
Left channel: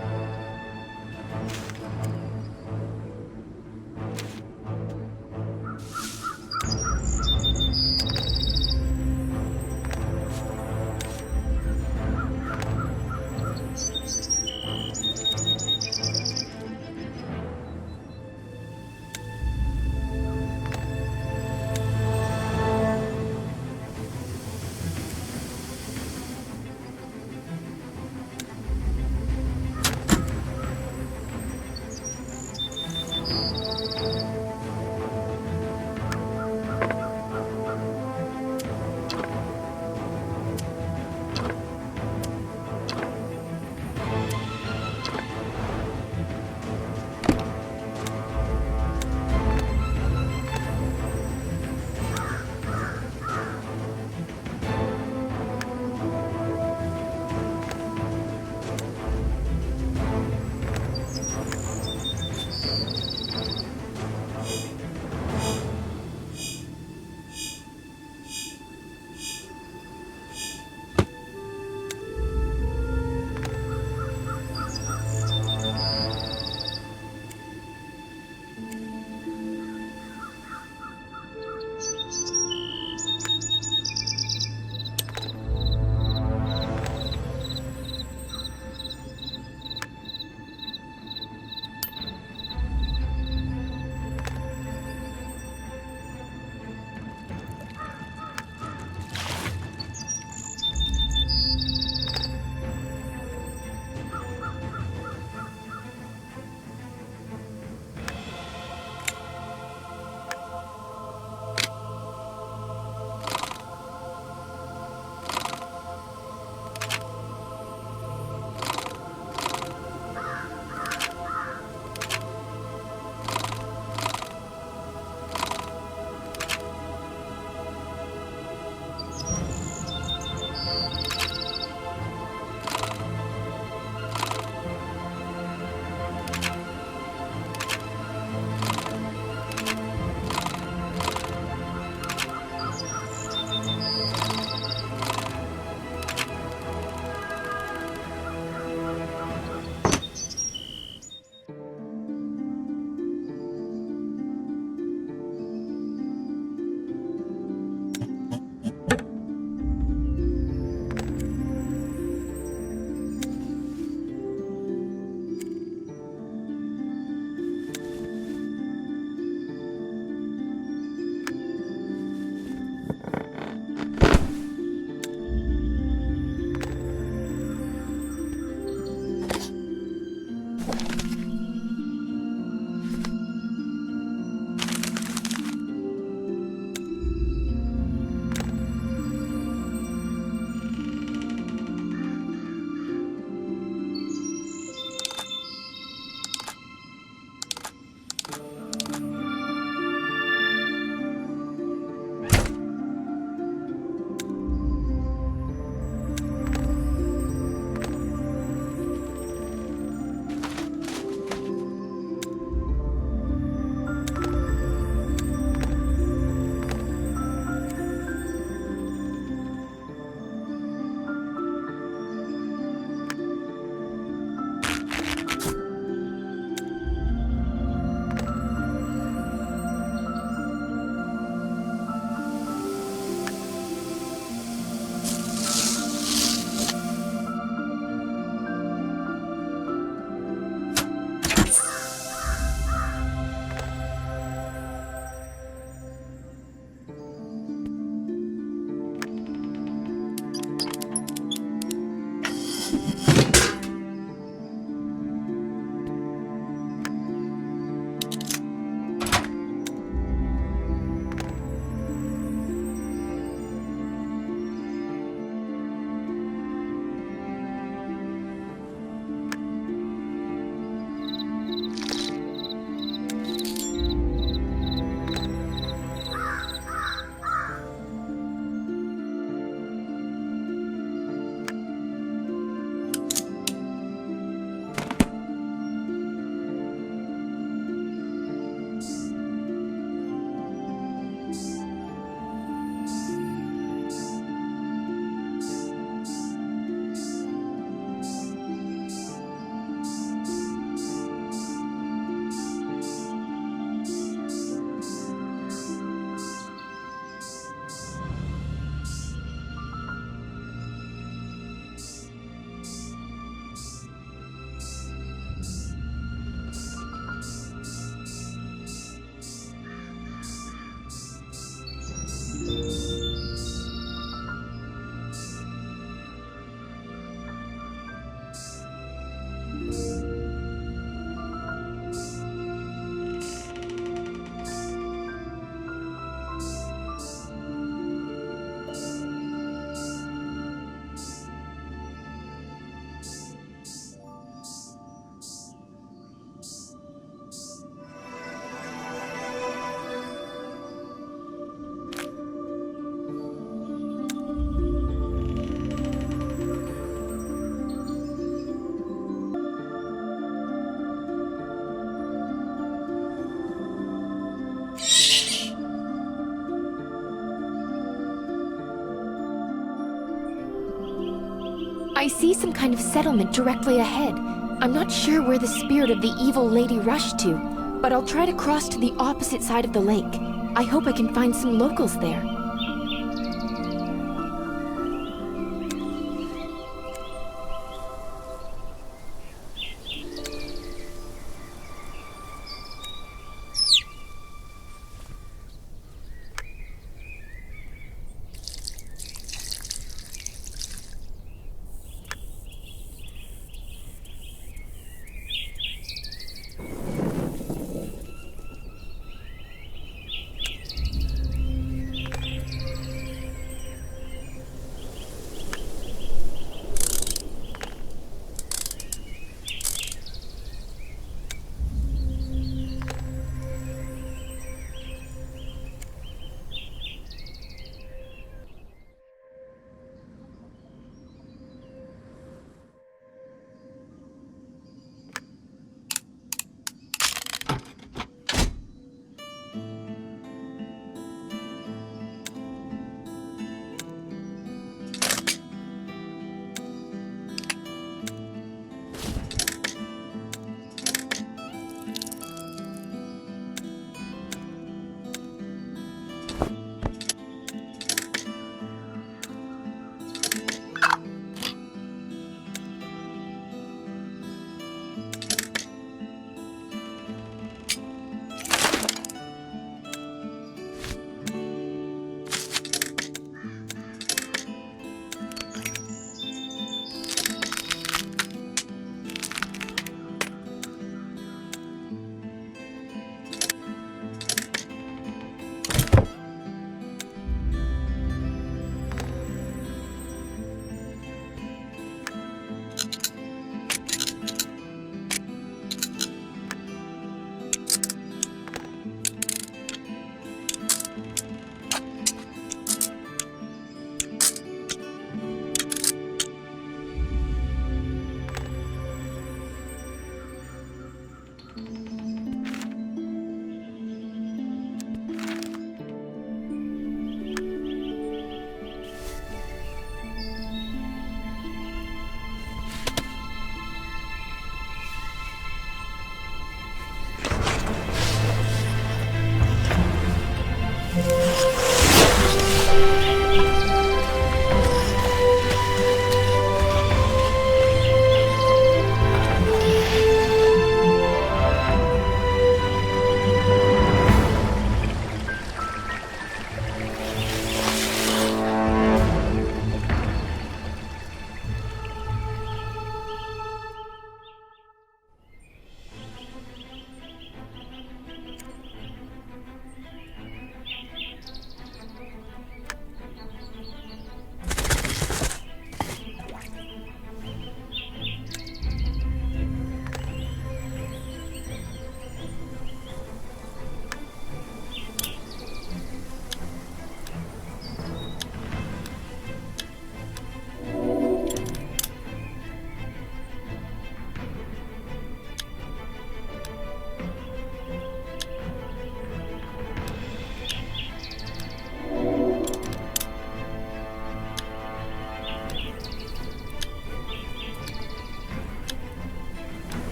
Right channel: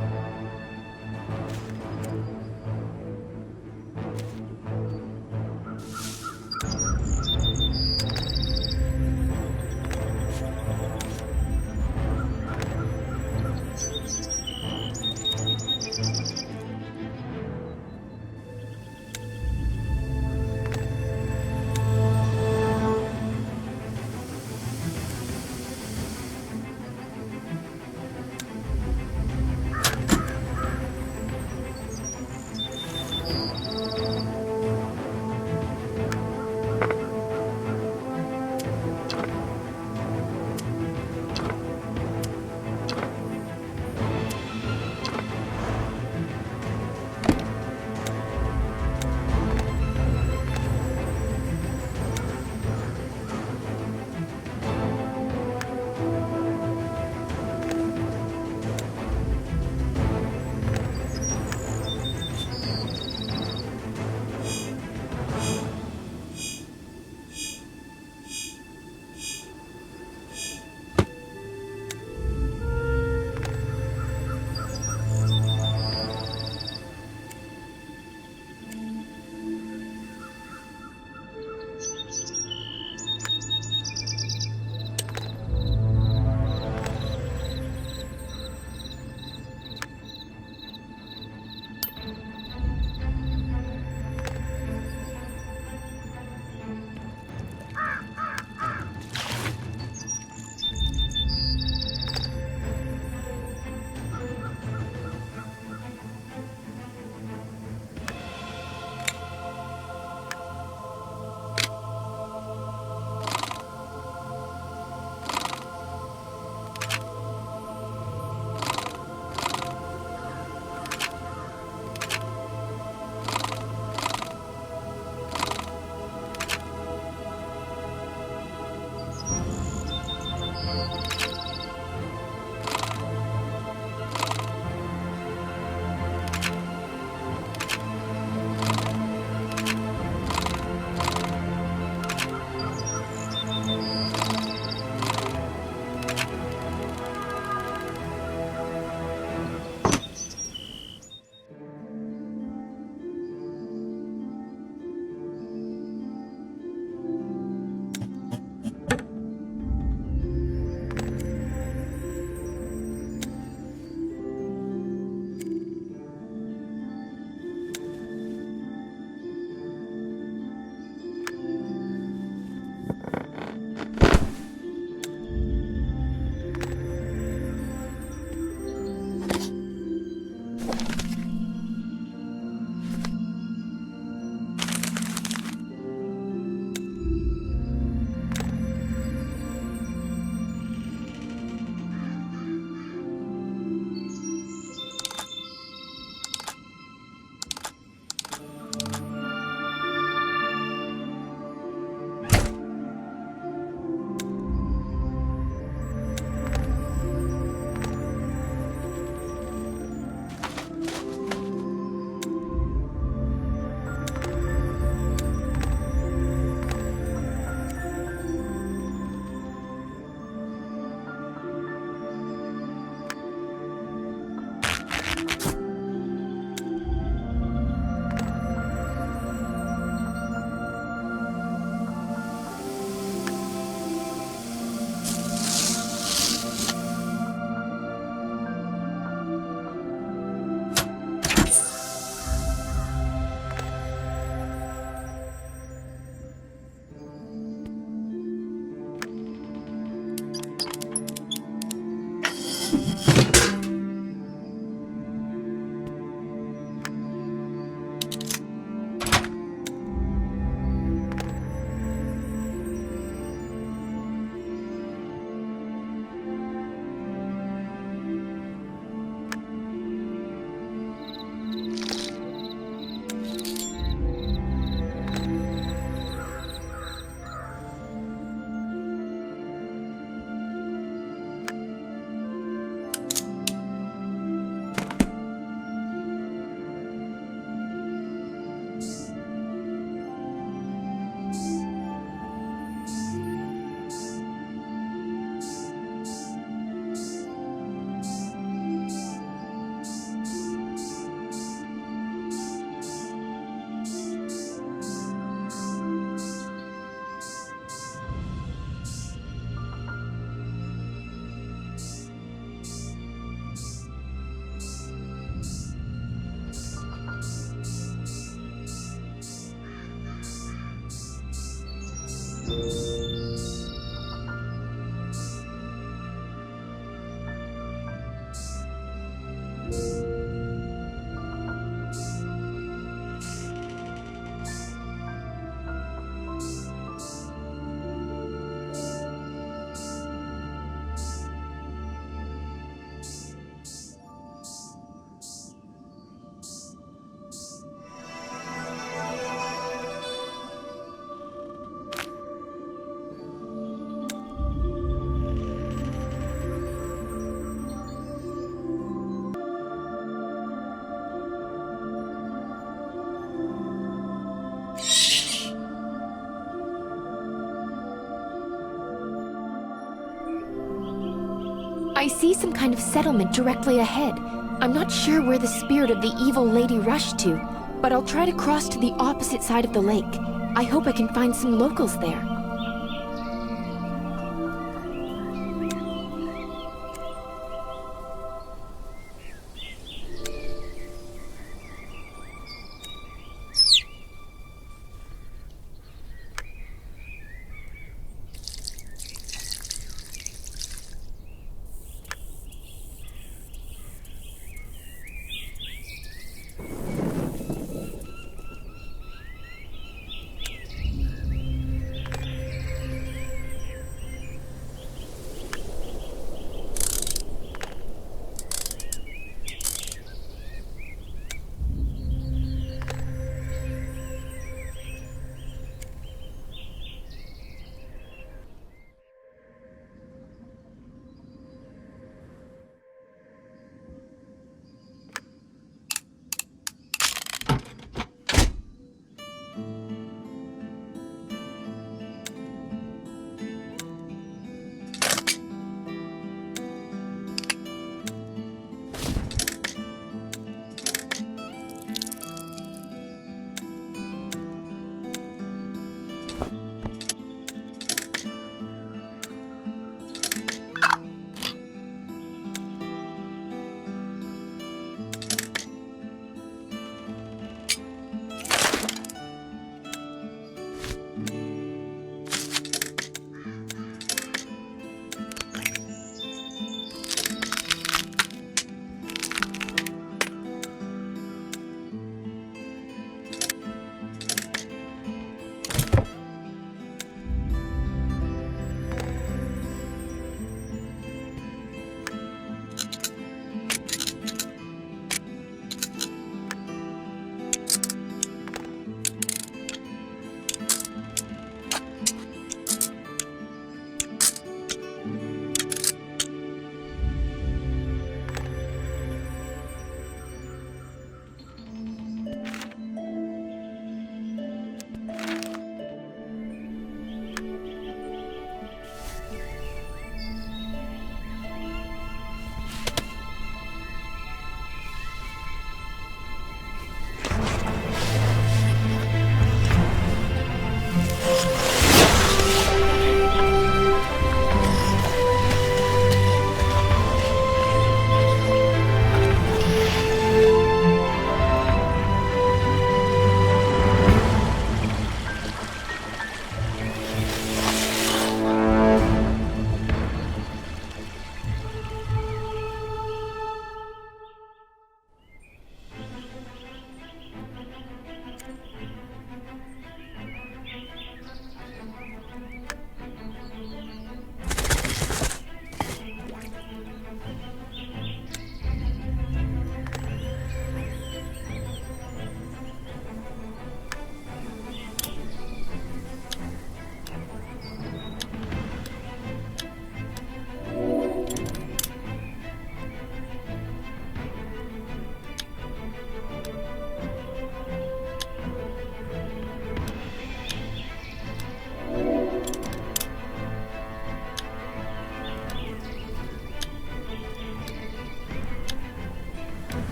I see some kind of settlement directly ahead. I'm not sure where the spirit of the evil lady rushed to, but I'll try to cross to the opposite side of the lake. I hope I can find some locals there.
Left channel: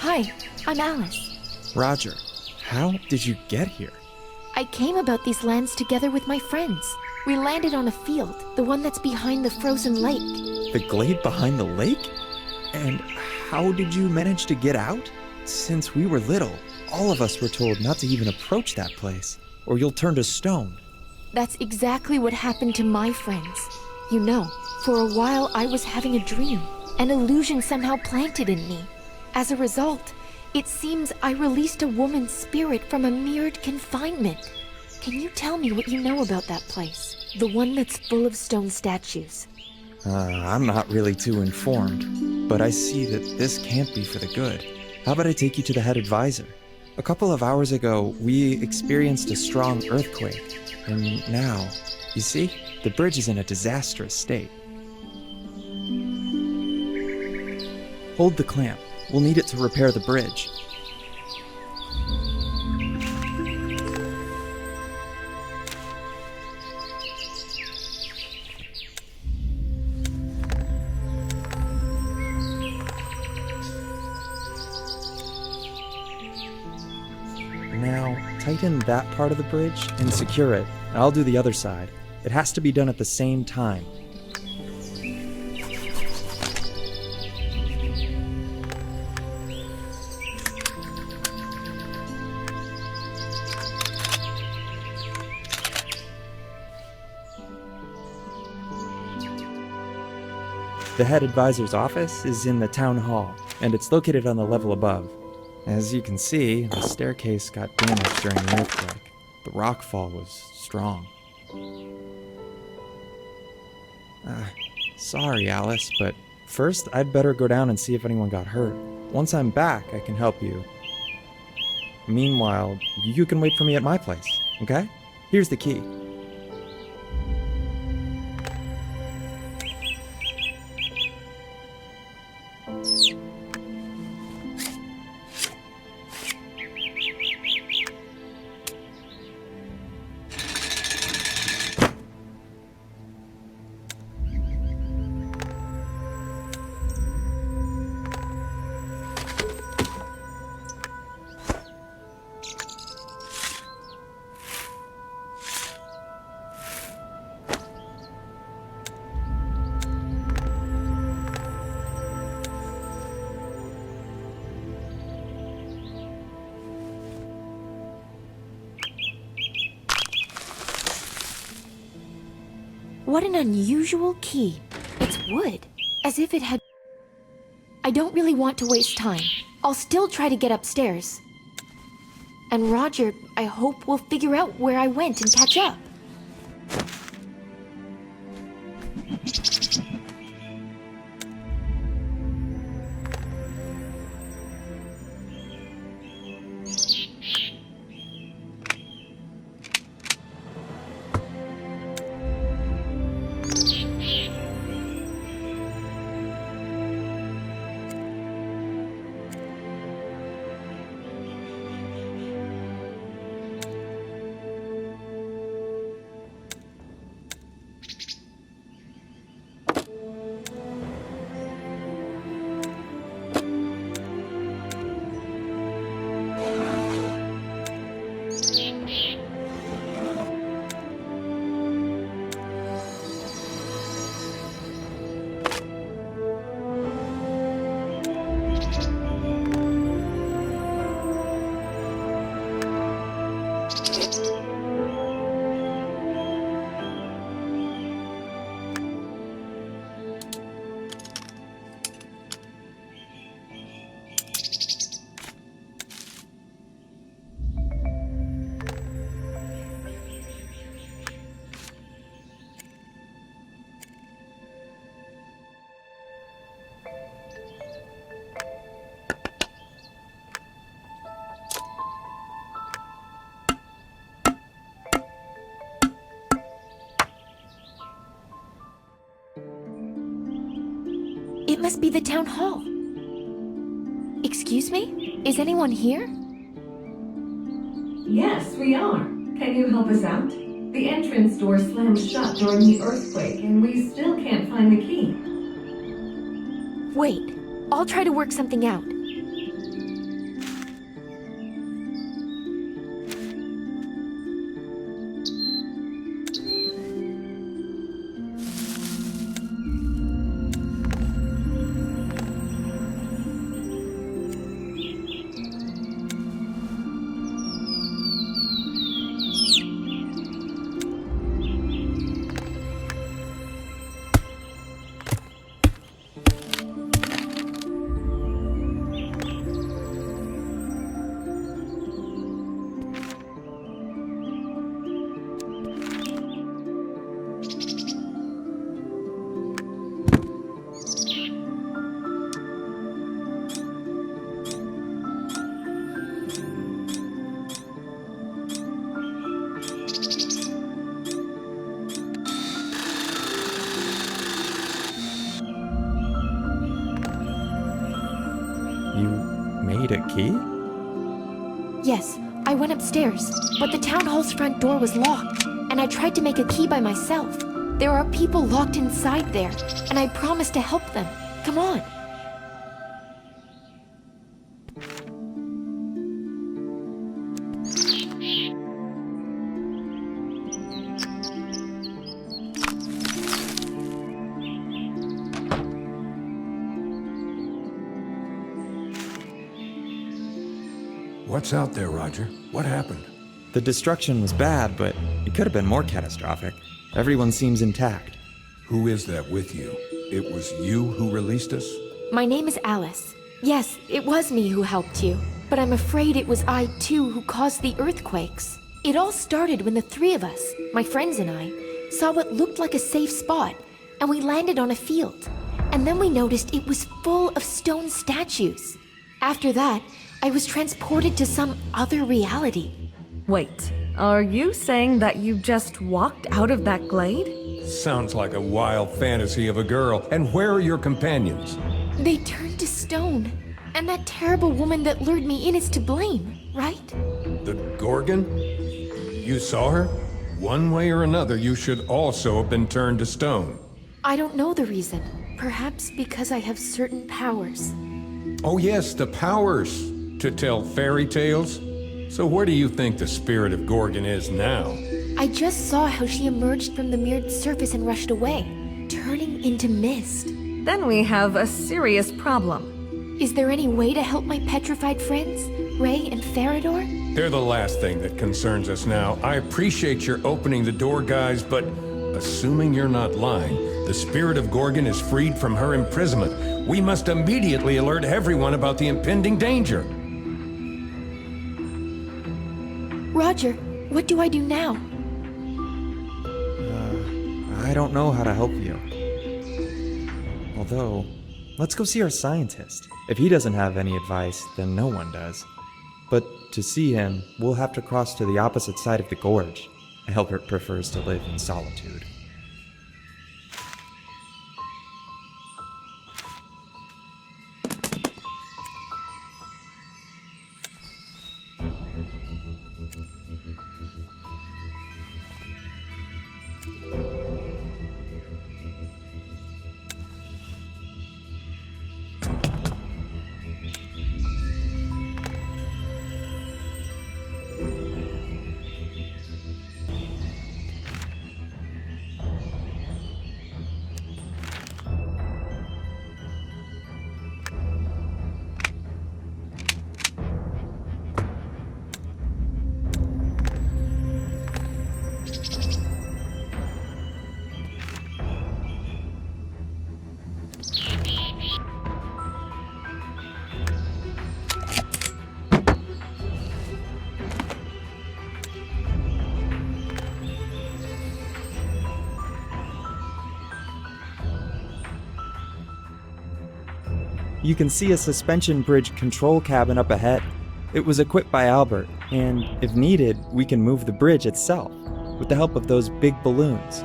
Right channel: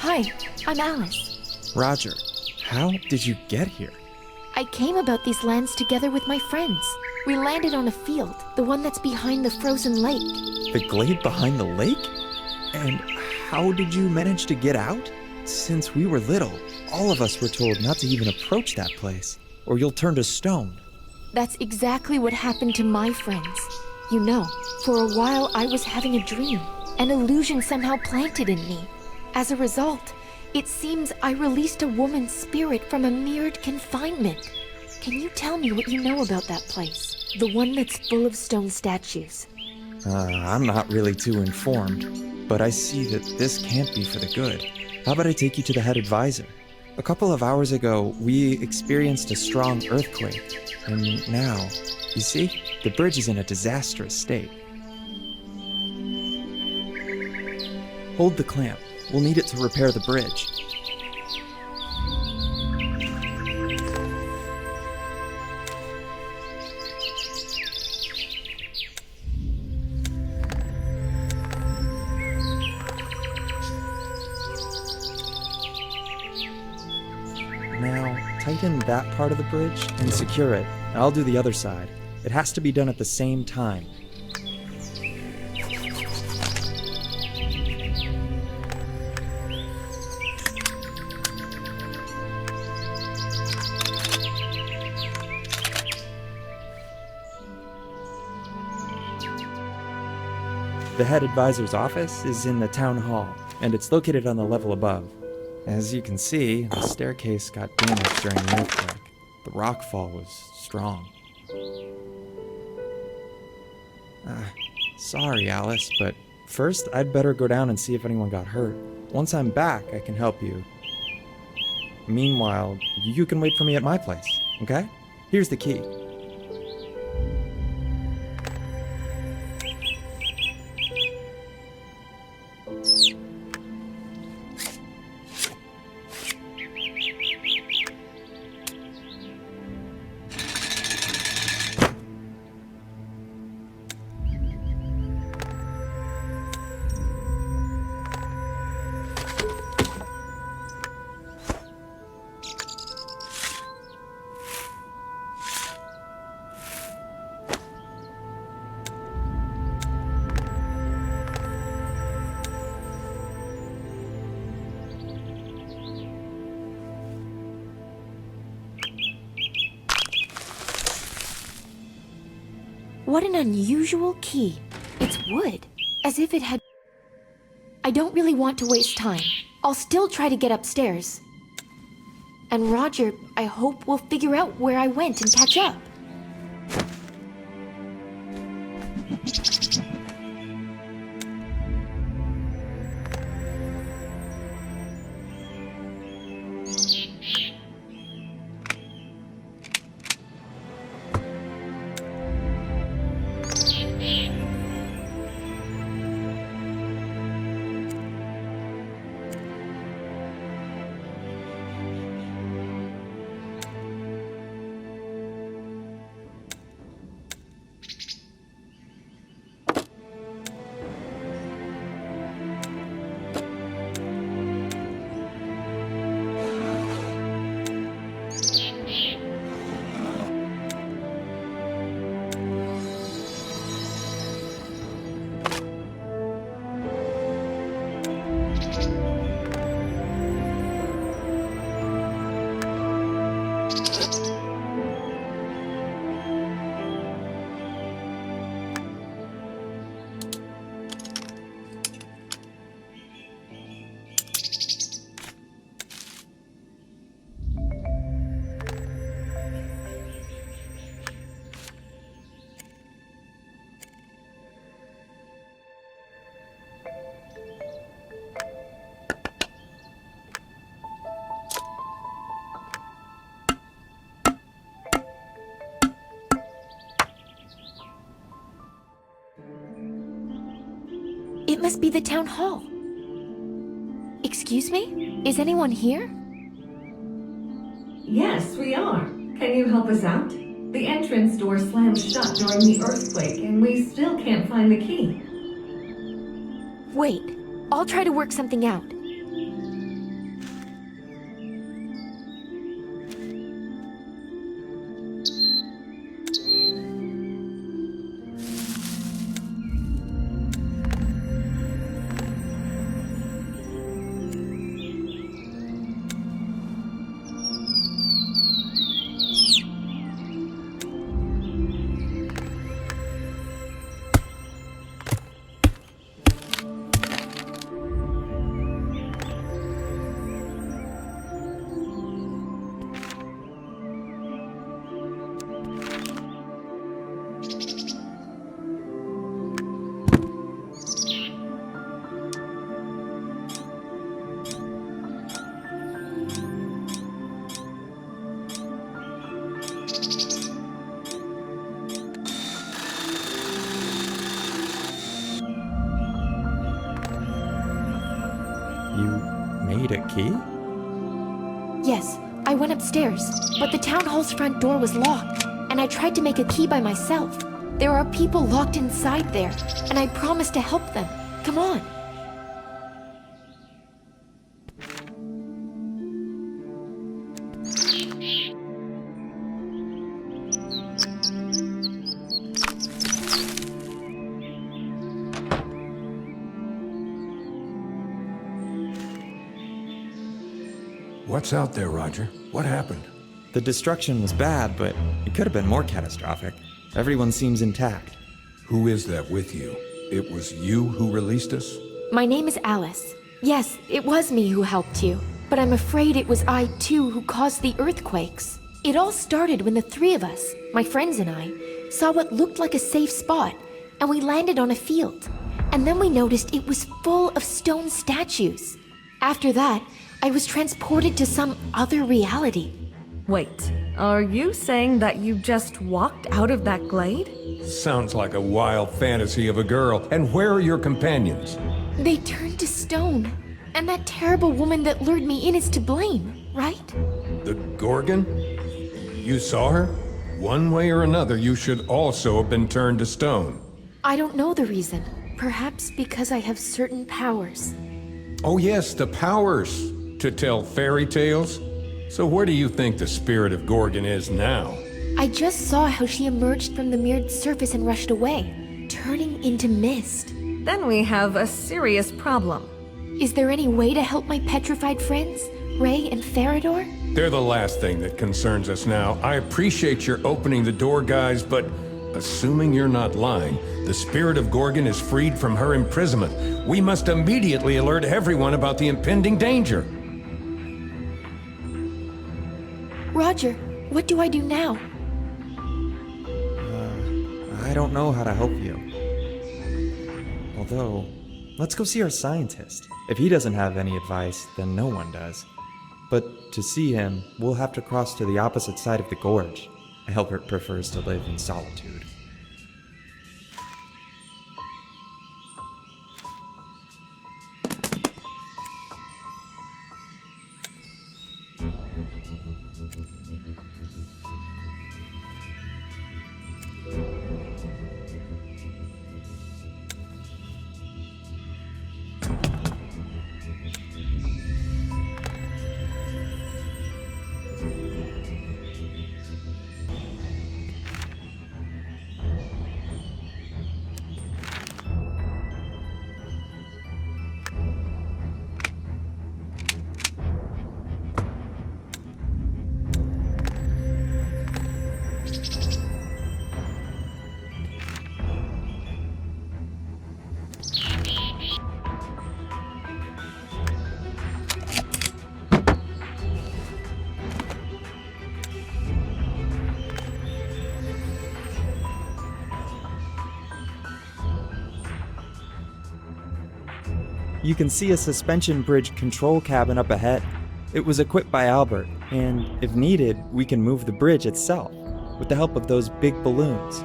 Hi, I'm Alice. Roger, how did you get here? I came about these lands together with my friends. We landed on a field, the one that's behind the frozen lake. The glade behind the lake? And how did you manage to get out? Since we were little, all of us were told not to even approach that place, or you'll turn to stone. That's exactly what happened to my friends. You know, for a while I was having a dream. An illusion somehow planted in me. As a result, it seems I released a woman's spirit from a mirrored confinement. Can you tell me what you know about that place? The one that's full of stone statues. I'm not really too informed, but I see that this can't be for the good. How about I take you to the head advisor? A couple of hours ago, we experienced a strong earthquake, and now, you see, the bridge is in a disastrous state. Hold the clamp. We'll need it to repair the bridge. Now, tighten that part of the bridge and secure it. I'll do the other side. It has to be done at the same time. The head advisor's office is in the town hall, and it's located on the level above. As you can see, the staircase got damaged during the earthquake. The rockfall was strong. Sorry, Alice, but first I'd better go down and see if anyone got hurt. Once I'm back, I can help you. Meanwhile, you can wait for me at my place, okay? Here's the key. What an unusual key. It's wood, as if it had... I don't really want to waste time. I'll still try to get upstairs. And Roger, I hope, will figure out where I went and catch up. It must be the town hall. Excuse me? Is anyone here? Yes, we are. Can you help us out? The entrance door slammed shut during the earthquake, and we still can't find the key. Wait, I'll try to work something out. need a key? Yes, I went upstairs, but the town hall's front door was locked, and I tried to make a key by myself. There are people locked inside there, and I promised to help them. Come on. What's out there, Roger? What happened? The destruction was bad, but it could have been more catastrophic. Everyone seems intact. Who is that with you? It was you who released us? My name is Alice. Yes, it was me who helped you, but I'm afraid it was I too who caused the earthquakes. It all started when the three of us, my friends and I, saw what looked like a safe spot, and we landed on a field. And then we noticed it was full of stone statues. After that, I was transported to some other reality. Wait, are you saying that you just walked out of that glade? Sounds like a wild fantasy of a girl. And where are your companions? They turned to stone, and that terrible woman that lured me in is to blame, right? The Gorgon? You saw her? One way or another, you should also have been turned to stone. I don't know the reason. Perhaps because I have certain powers. Oh yes, the powers to tell fairy tales. So where do you think the spirit of Gorgon is now? I just saw how she emerged from the mirrored surface and rushed away, turning into mist. Then we have a serious problem. Is there any way to help my petrified friends, Ray and Farador? They're the last thing that concerns us now. I appreciate your opening the door, guys, but assuming you're not lying, the spirit of Gorgon is freed from her imprisonment. We must immediately alert everyone about the impending danger. Roger, what do I do now? I don't know how to help you. Although, let's go see our scientist. If he doesn't have any advice, then no one does. But to see him, we'll have to cross to the opposite side of the gorge. Albert prefers to live in solitude. You can see a suspension bridge control cabin up ahead. It was equipped by Albert, and if needed, we can move the bridge itself with the help of those big balloons.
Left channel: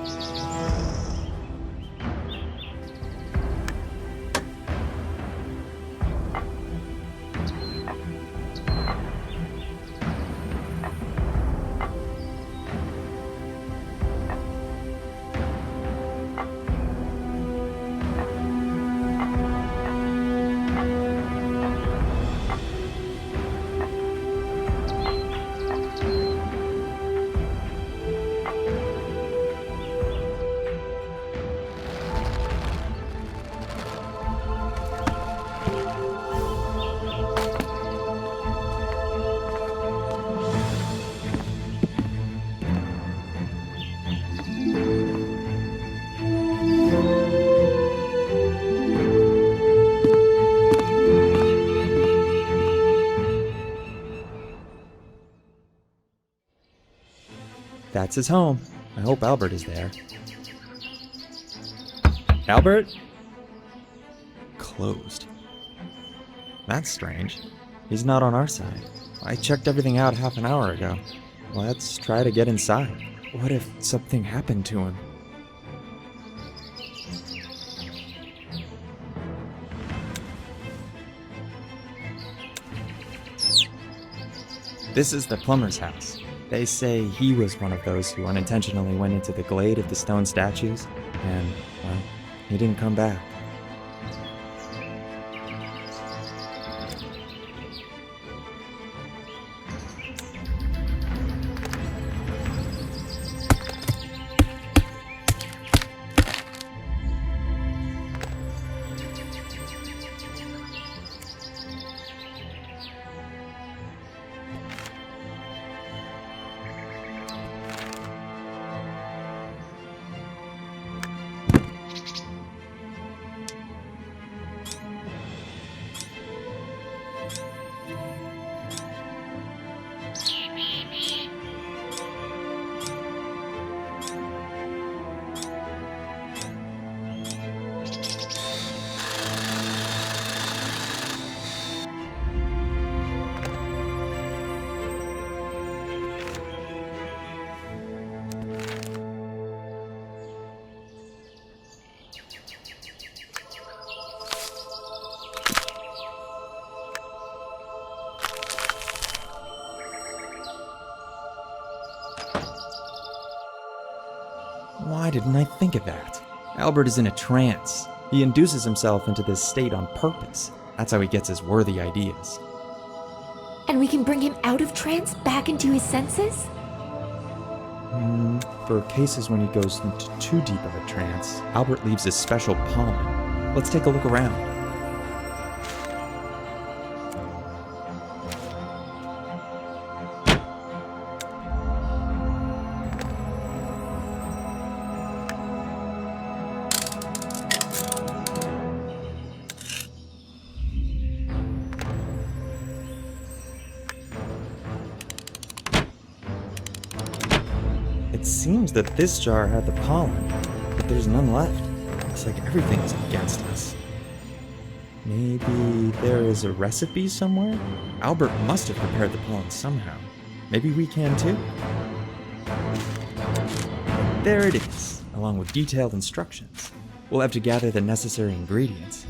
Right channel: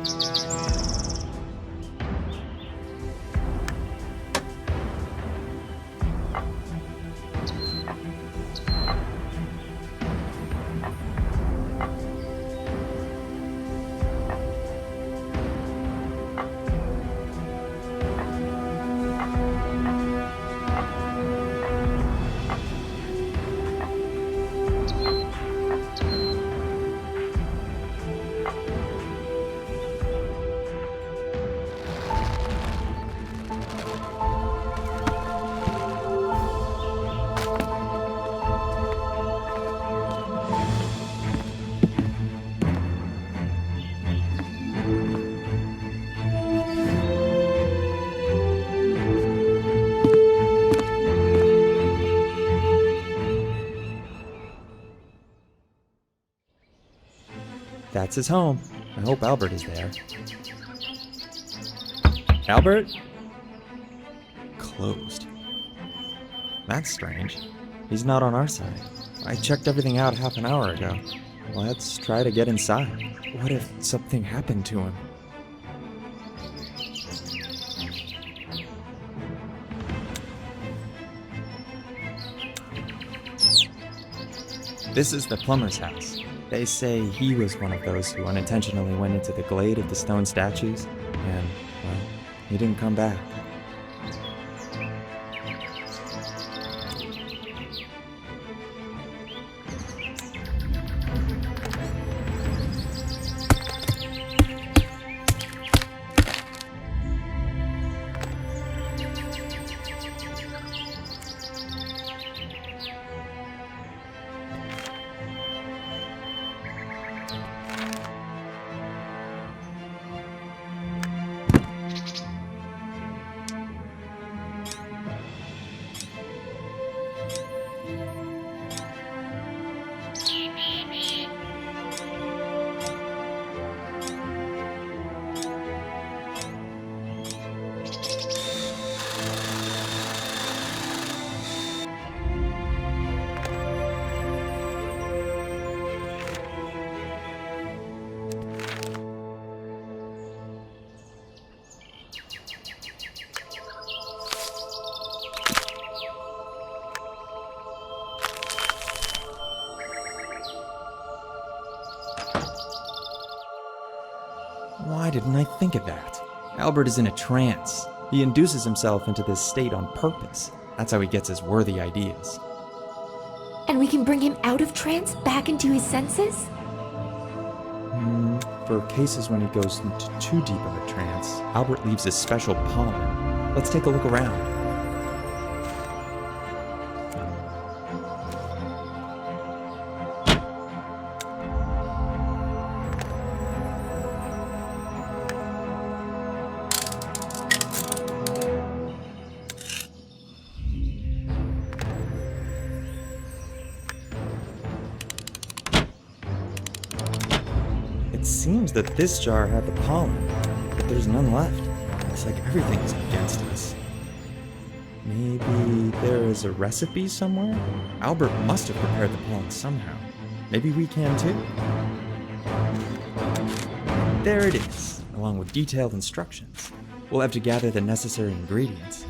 That's his home. I hope Albert is there. Albert? Closed. That's strange. He's not on our side. I checked everything out half an hour ago. Let's try to get inside. What if something happened to him? This is the plumber's house. They say he was one of those who unintentionally went into the glade of the stone statues, and, well, he didn't come back. Why didn't I think of that? Albert is in a trance. He induces himself into this state on purpose. That's how he gets his worthy ideas. And we can bring him out of trance back into his senses? For cases when he goes into too deep of a trance, Albert leaves his special pollen. Let's take a look around. It seems that this jar had the pollen, but there's none left. Looks like everything is against us. Maybe there is a recipe somewhere? Albert must have prepared the pollen somehow. Maybe we can too. There it is, along with detailed instructions. We'll have to gather the necessary ingredients.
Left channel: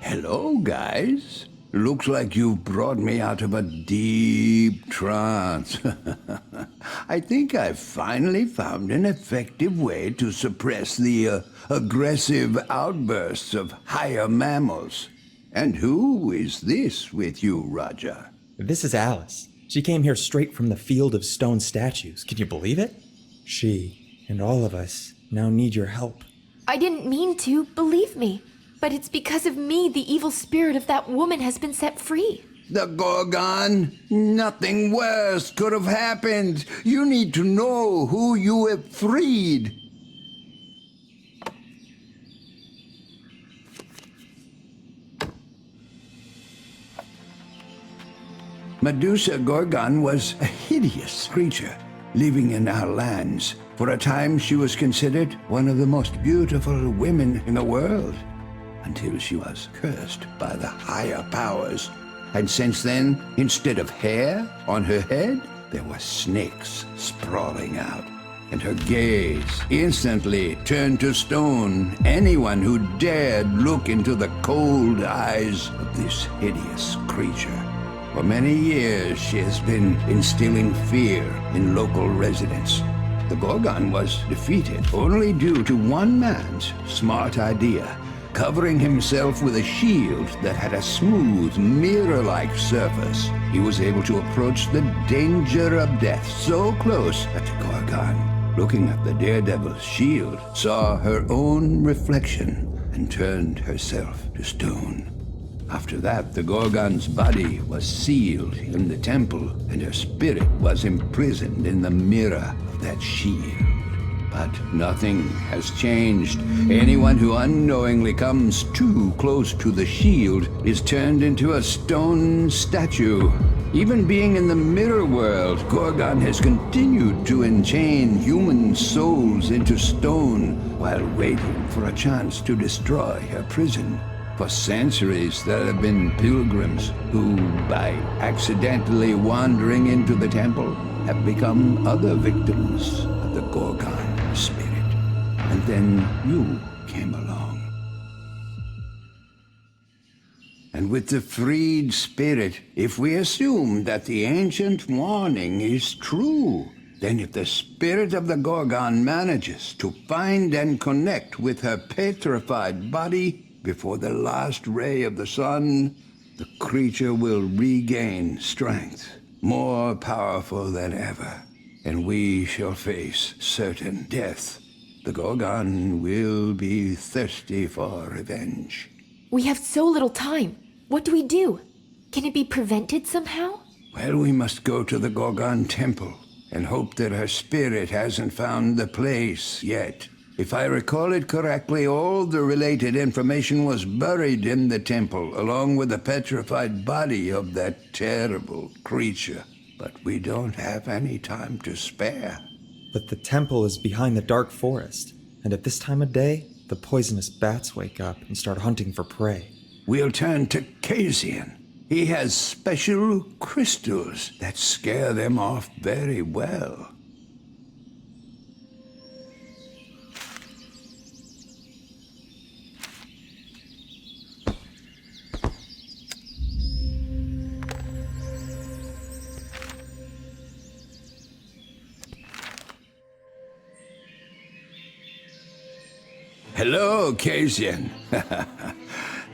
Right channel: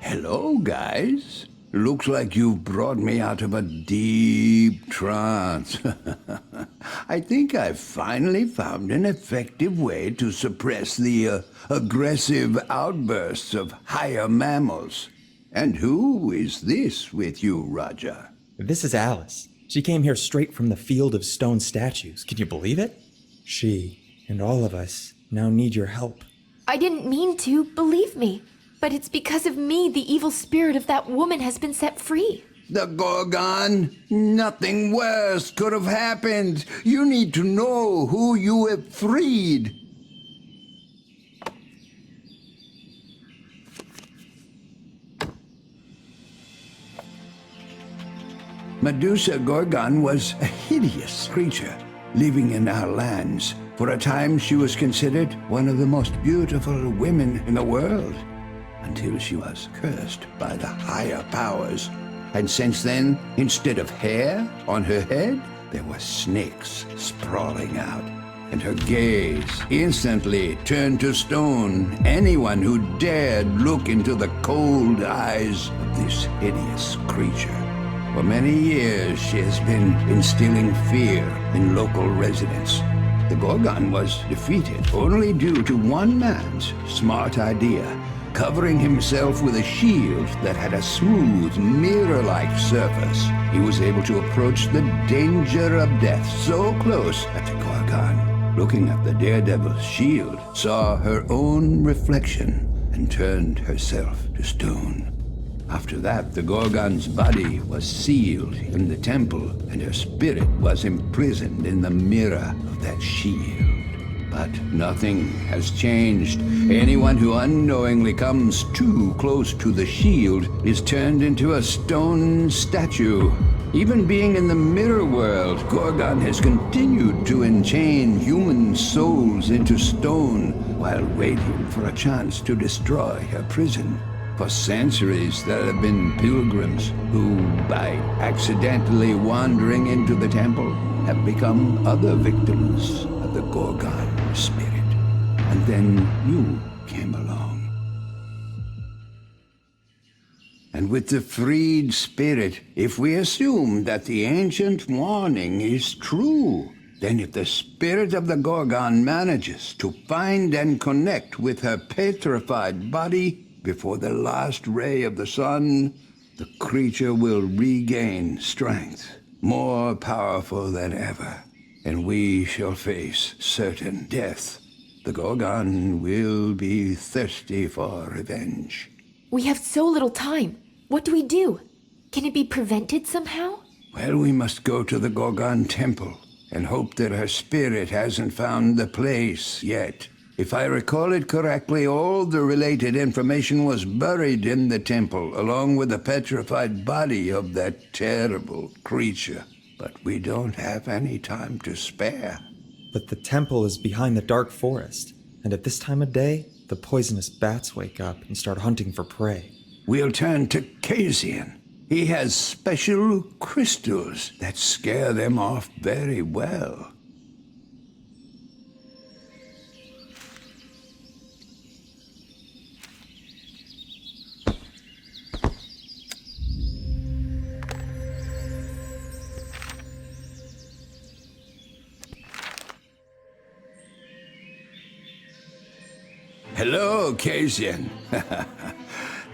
Hello, guys. Looks like you've brought me out of a deep trance. I think I've finally found an effective way to suppress the aggressive outbursts of higher mammals. And who is this with you, Roger? This is Alice. She came here straight from the field of stone statues. Can you believe it? She and all of us now need your help. I didn't mean to, believe me. But it's because of me the evil spirit of that woman has been set free. The Gorgon? Nothing worse could have happened. You need to know who you have freed. Medusa Gorgon was a hideous creature living in our lands. For a time she was considered one of the most beautiful women in the world, until she was cursed by the higher powers. And since then, instead of hair on her head, there were snakes sprawling out. And her gaze instantly turned to stone anyone who dared look into the cold eyes of this hideous creature. For many years, she has been instilling fear in local residents. The Gorgon was defeated only due to one man's smart idea, covering himself with a shield that had a smooth, mirror-like surface. He was able to approach the danger of death so close that the Gorgon, looking at the daredevil's shield, saw her own reflection and turned herself to stone. After that, the Gorgon's body was sealed in the temple, and her spirit was imprisoned in the mirror of that shield. But nothing has changed. Anyone who unknowingly comes too close to the shield is turned into a stone statue. Even being in the mirror world, Gorgon has continued to enchain human souls into stone while waiting for a chance to destroy her prison. For centuries, there have been pilgrims who, by accidentally wandering into the temple, have become other victims of the Gorgon spirit. And then you came along. And with the freed spirit, if we assume that the ancient warning is true, then if the spirit of the Gorgon manages to find and connect with her petrified body before the last ray of the sun, the creature will regain strength, more powerful than ever, and we shall face certain death. The Gorgon will be thirsty for revenge. We have so little time. What do we do? Can it be prevented somehow? Well, we must go to the Gorgon temple and hope that her spirit hasn't found the place yet. If I recall it correctly, all the related information was buried in the temple, along with the petrified body of that terrible creature. But we don't have any time to spare. But the temple is behind the dark forest, and at this time of day, the poisonous bats wake up and start hunting for prey. We'll turn to Casian. He has special crystals that scare them off very well. Hello, Casian.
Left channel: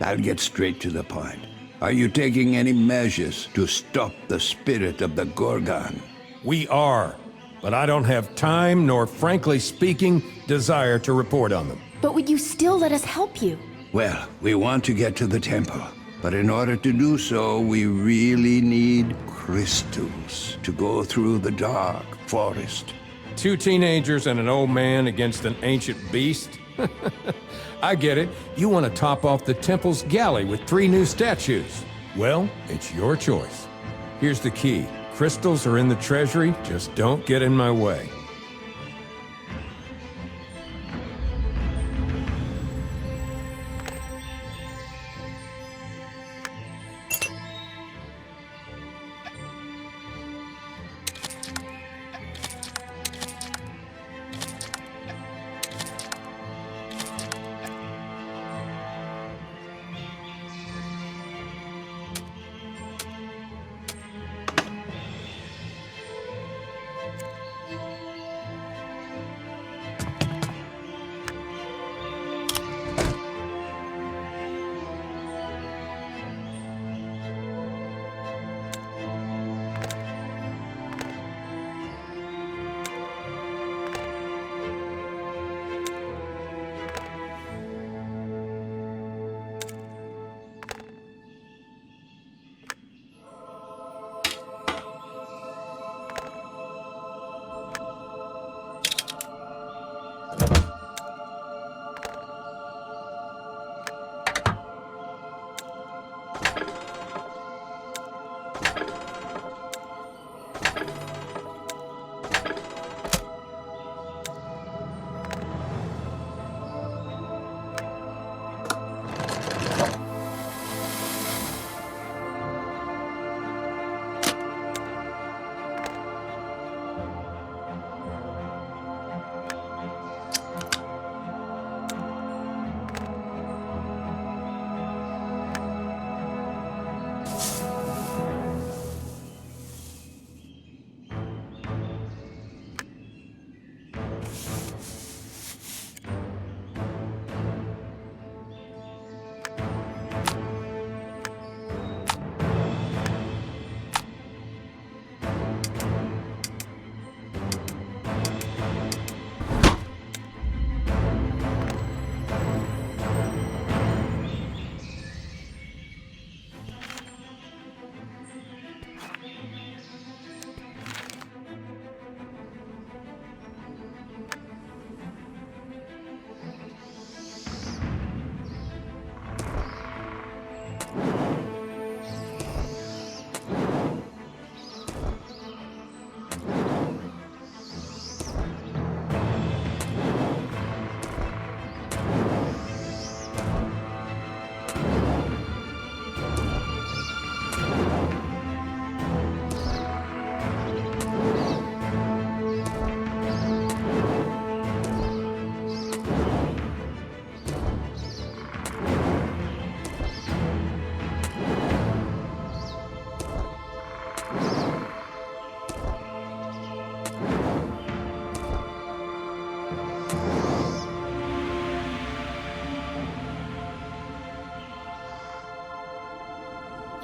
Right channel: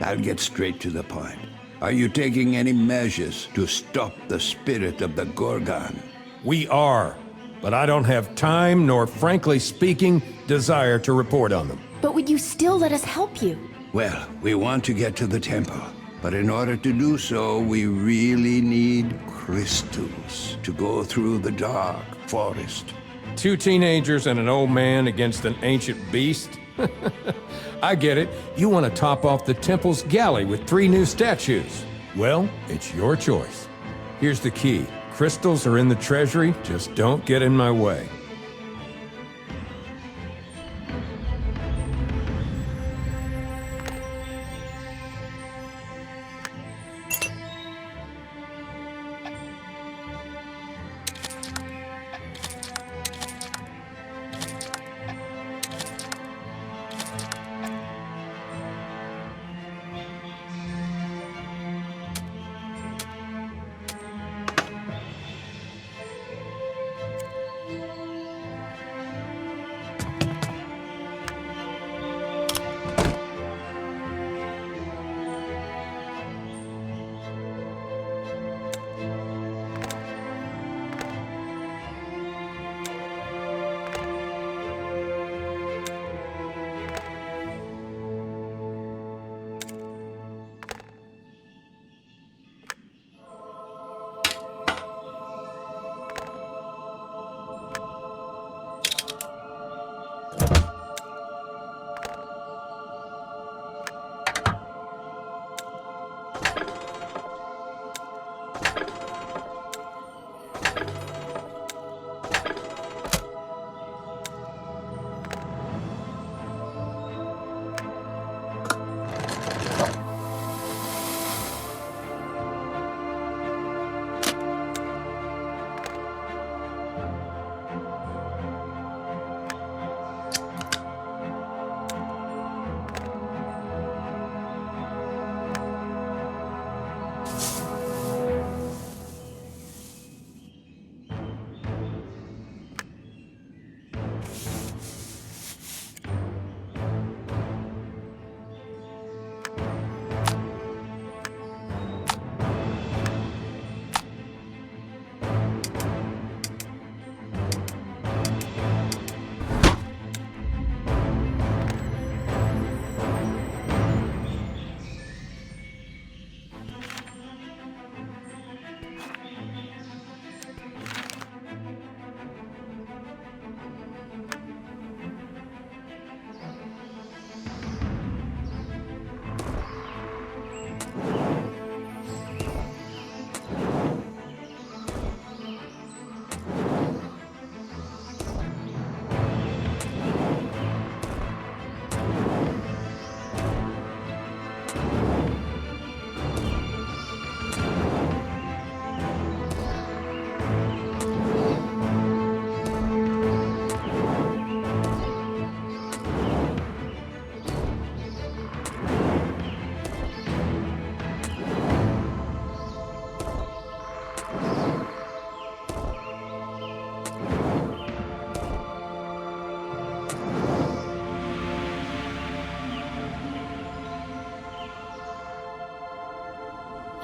I'll get straight to the point. Are you taking any measures to stop the spirit of the Gorgon? We are, but I don't have time nor, frankly speaking, desire to report on them. But would you still let us help you? Well, we want to get to the temple, but in order to do so, we really need crystals to go through the dark forest. 2 teenagers and an old man against an ancient beast? I get it. You want to top off the temple's galley with 3 new statues. Well, it's your choice. Here's the key. Crystals are in the treasury, just don't get in my way.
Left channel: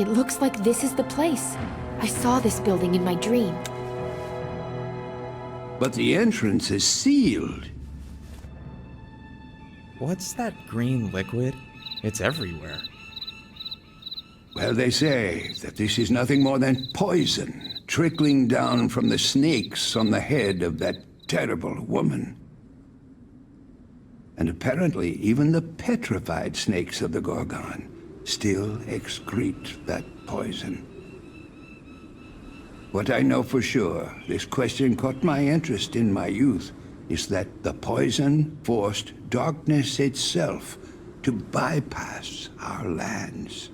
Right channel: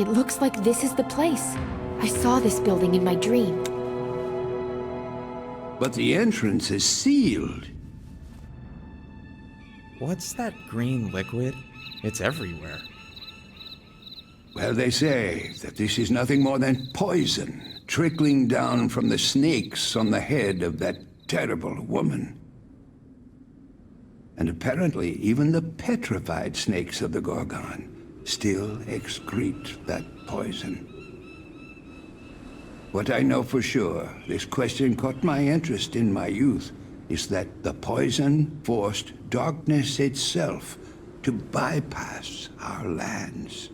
It looks like this is the place. I saw this building in my dream. But the entrance is sealed. What's that green liquid? It's everywhere. Well, they say that this is nothing more than poison trickling down from the snakes on the head of that terrible woman. And apparently, even the petrified snakes of the Gorgon still excrete that poison. What I know for sure, this question caught my interest in my youth, is that the poison forced darkness itself to bypass our lands.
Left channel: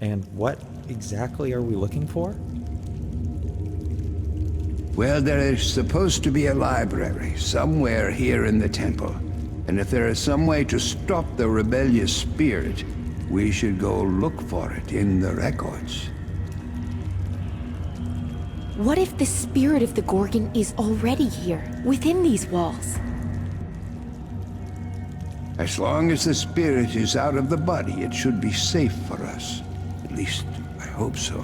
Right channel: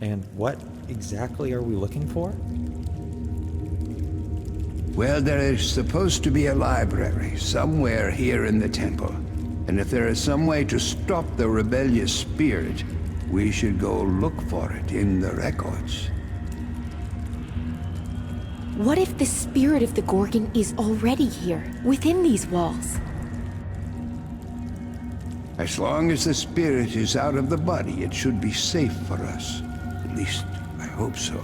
And what exactly are we looking for? Well, there is supposed to be a library somewhere here in the temple. And if there is some way to stop the rebellious spirit, we should go look for it in the records. What if the spirit of the Gorgon is already here, within these walls? As long as the spirit is out of the body, it should be safe for us. At least, I hope so.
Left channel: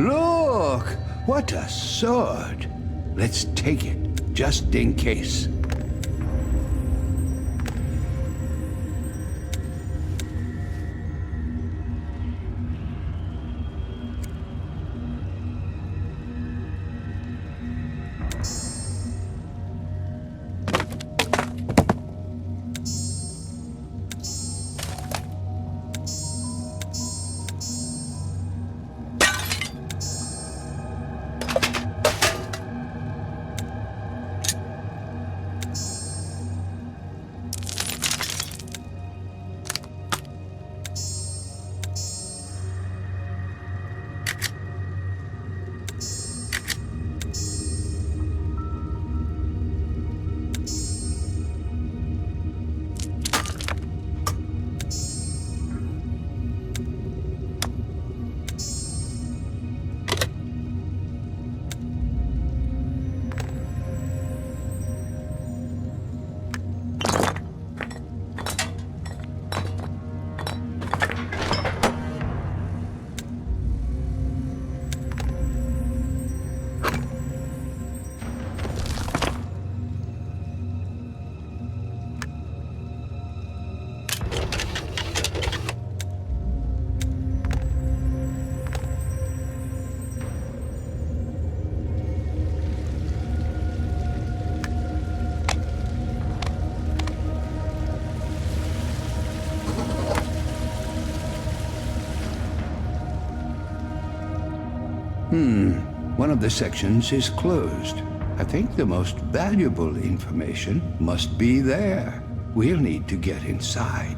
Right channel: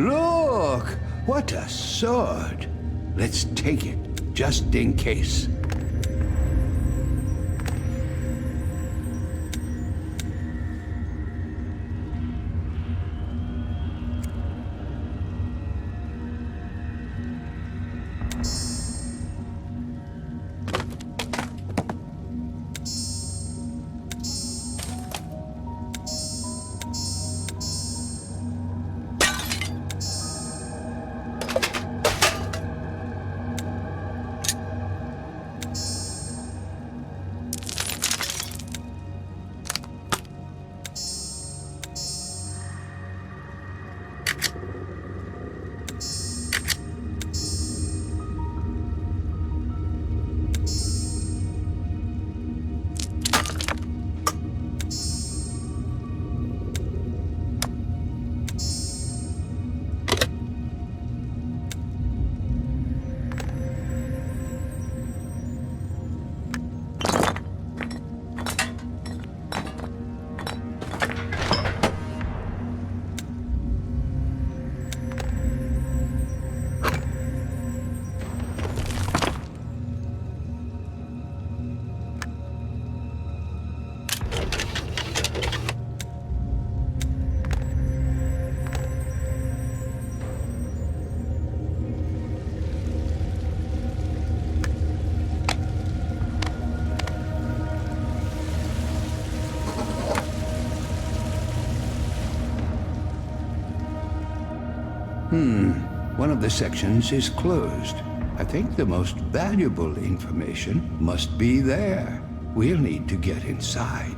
Look! What a sword! Let's take it, just in case. One of the sections is closed. I think the most valuable information must be there. We'll need to get inside.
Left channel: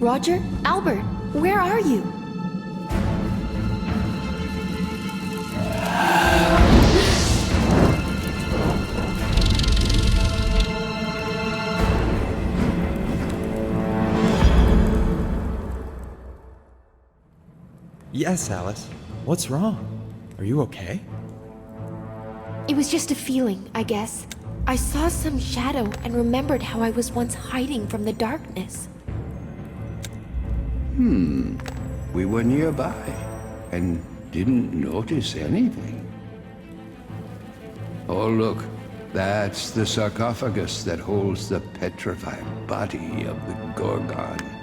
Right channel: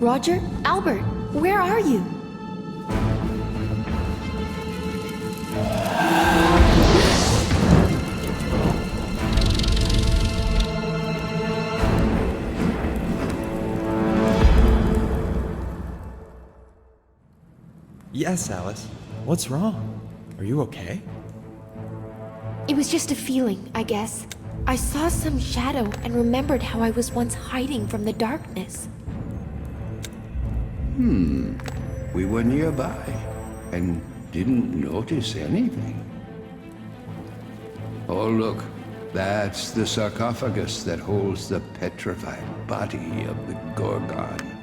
Roger? Albert, where are you? Yes, Alice. What's wrong? Are you okay? It was just a feeling, I guess. I saw some shadow and remembered how I was once hiding from the darkness. We were nearby and didn't notice anything. Oh, look. That's the sarcophagus that holds the petrified body of the Gorgon.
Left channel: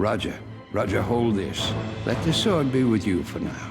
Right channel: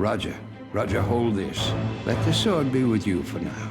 Roger. Roger, hold this. Let the sword be with you for now.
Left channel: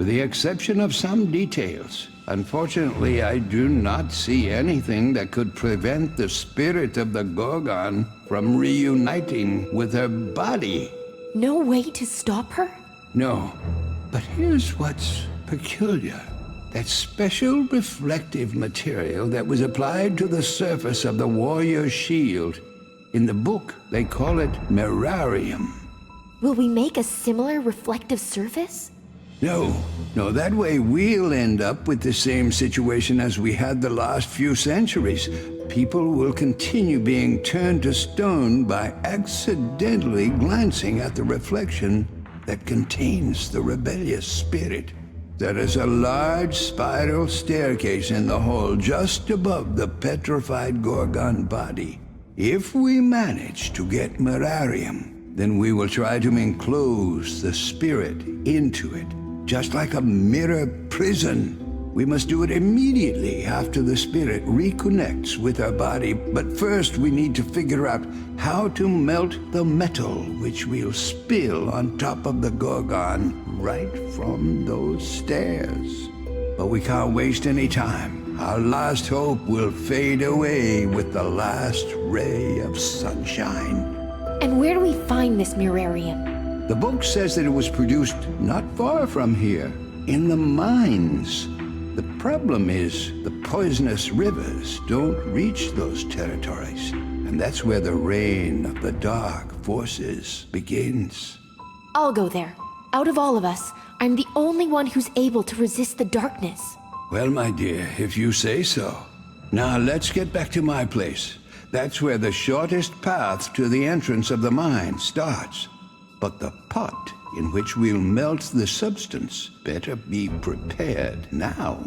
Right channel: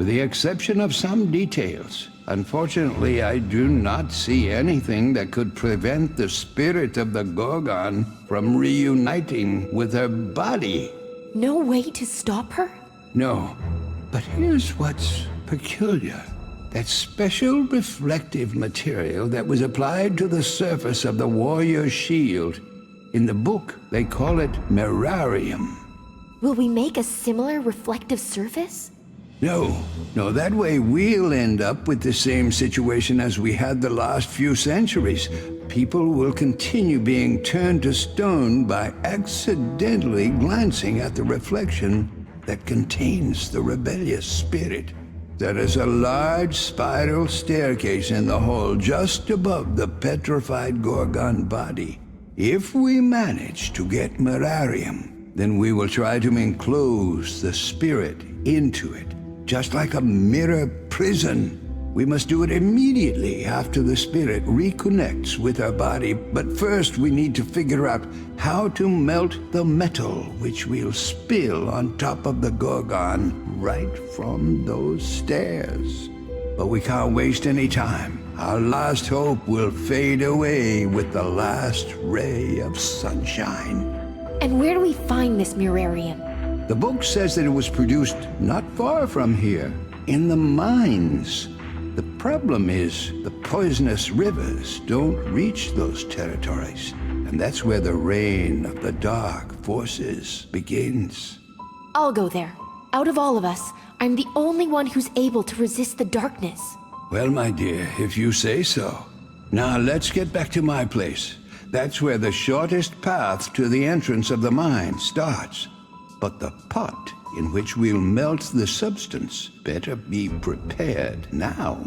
With the exception of some details, unfortunately, I do not see anything that could prevent the spirit of the Gorgon from reuniting with her body. No way to stop her? No, but here's what's peculiar. That special reflective material that was applied to the surface of the warrior's shield. In the book, they call it mirarium. Will we make a similar reflective surface? No, that way we'll end up with the same situation as we had the last few centuries. People will continue being turned to stone by accidentally glancing at the reflection that contains the rebellious spirit. There is a large spiral staircase in the hall just above the petrified Gorgon body. If we manage to get mirarium, then we will try to enclose the spirit into it. Just like a mirror prison. We must do it immediately after the spirit reconnects with our body. But first we need to figure out how to melt the metal which we'll spill on top of the Gorgon right from those stairs. But we can't waste any time. Our last hope will fade away with the last ray of sunshine. And where do we find this mirarium? The book says that it was produced not far from here, in the mines. The problem is the poisonous rivers don't reach those territories, and that's where the reign of the dark forces begins. I'll go there. Out of all of us, I'm the only one who's able to resist the darkness. Well, my dear, if you say so. Now let's get back to my place. That's where the shortest path to the entrance of the mine starts. But the pot in which we'll melt the substance better be prepared now.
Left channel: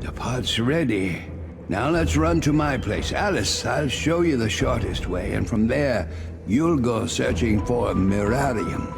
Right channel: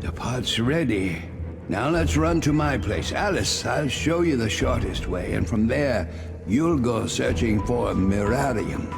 The pot's ready. Now let's run to my place. Alice, I'll show you the shortest way, and from there, you'll go searching for mirarium.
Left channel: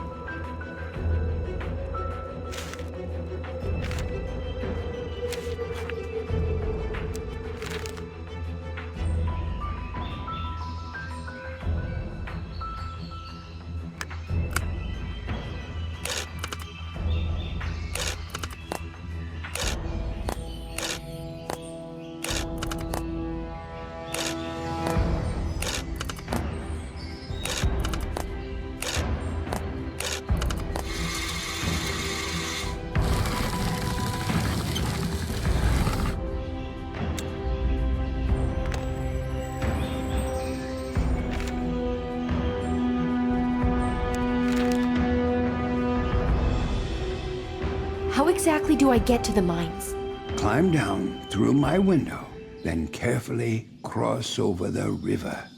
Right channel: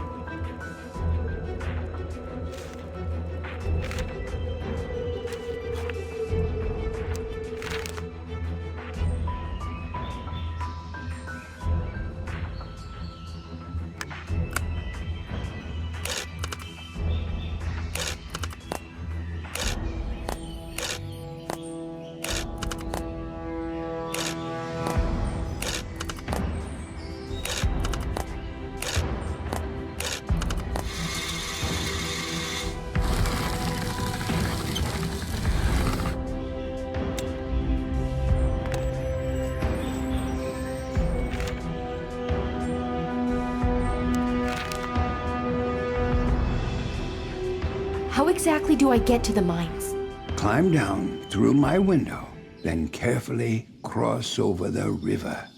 How exactly do I get to the mines? Climb down through my window, then carefully cross over the river.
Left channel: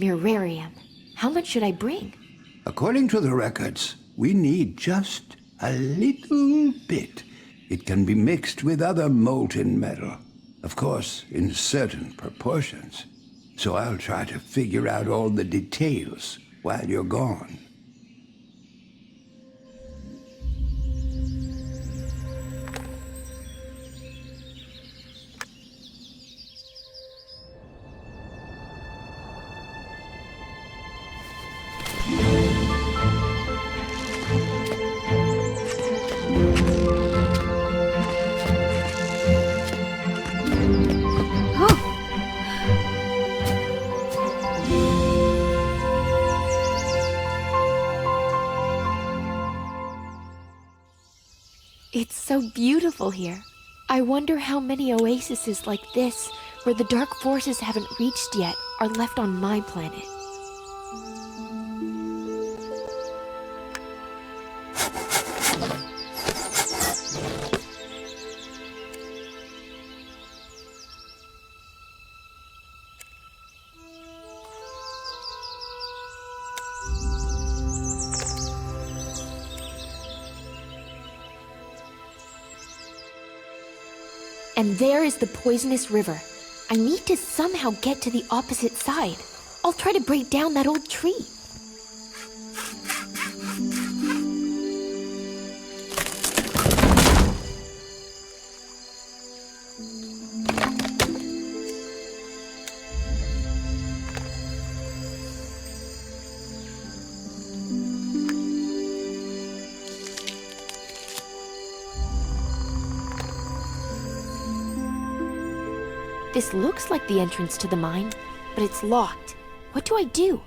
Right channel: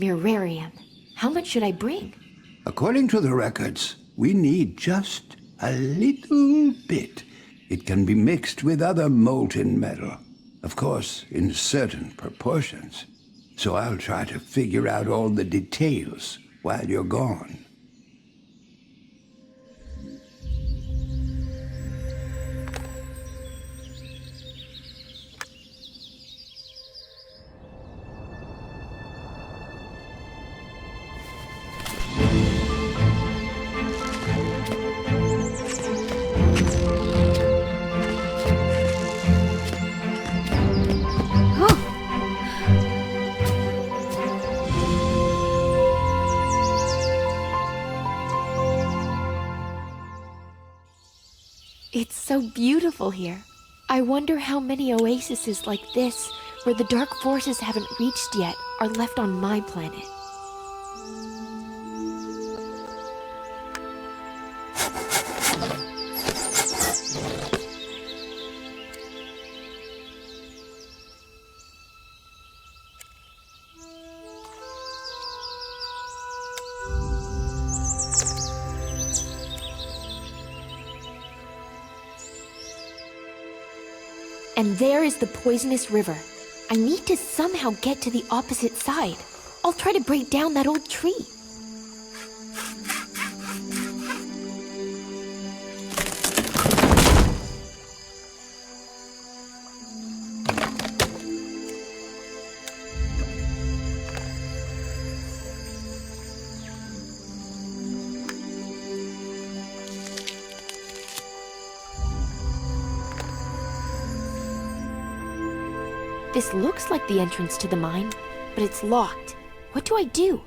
Mirarium. How much should I bring? According to the records, we need just a little bit. It can be mixed with other molten metal, of course, in certain proportions. So I'll try to figure out all the details while you're gone. It's so beautiful here. I wonder how many oases like this, where the dark forces haven't reached yet, are left on my planet. And there is the poisonous river. I need to somehow get to the opposite side. I'll try to break down that old tree. This looks like the entrance to the mine, but it's locked. What do I do?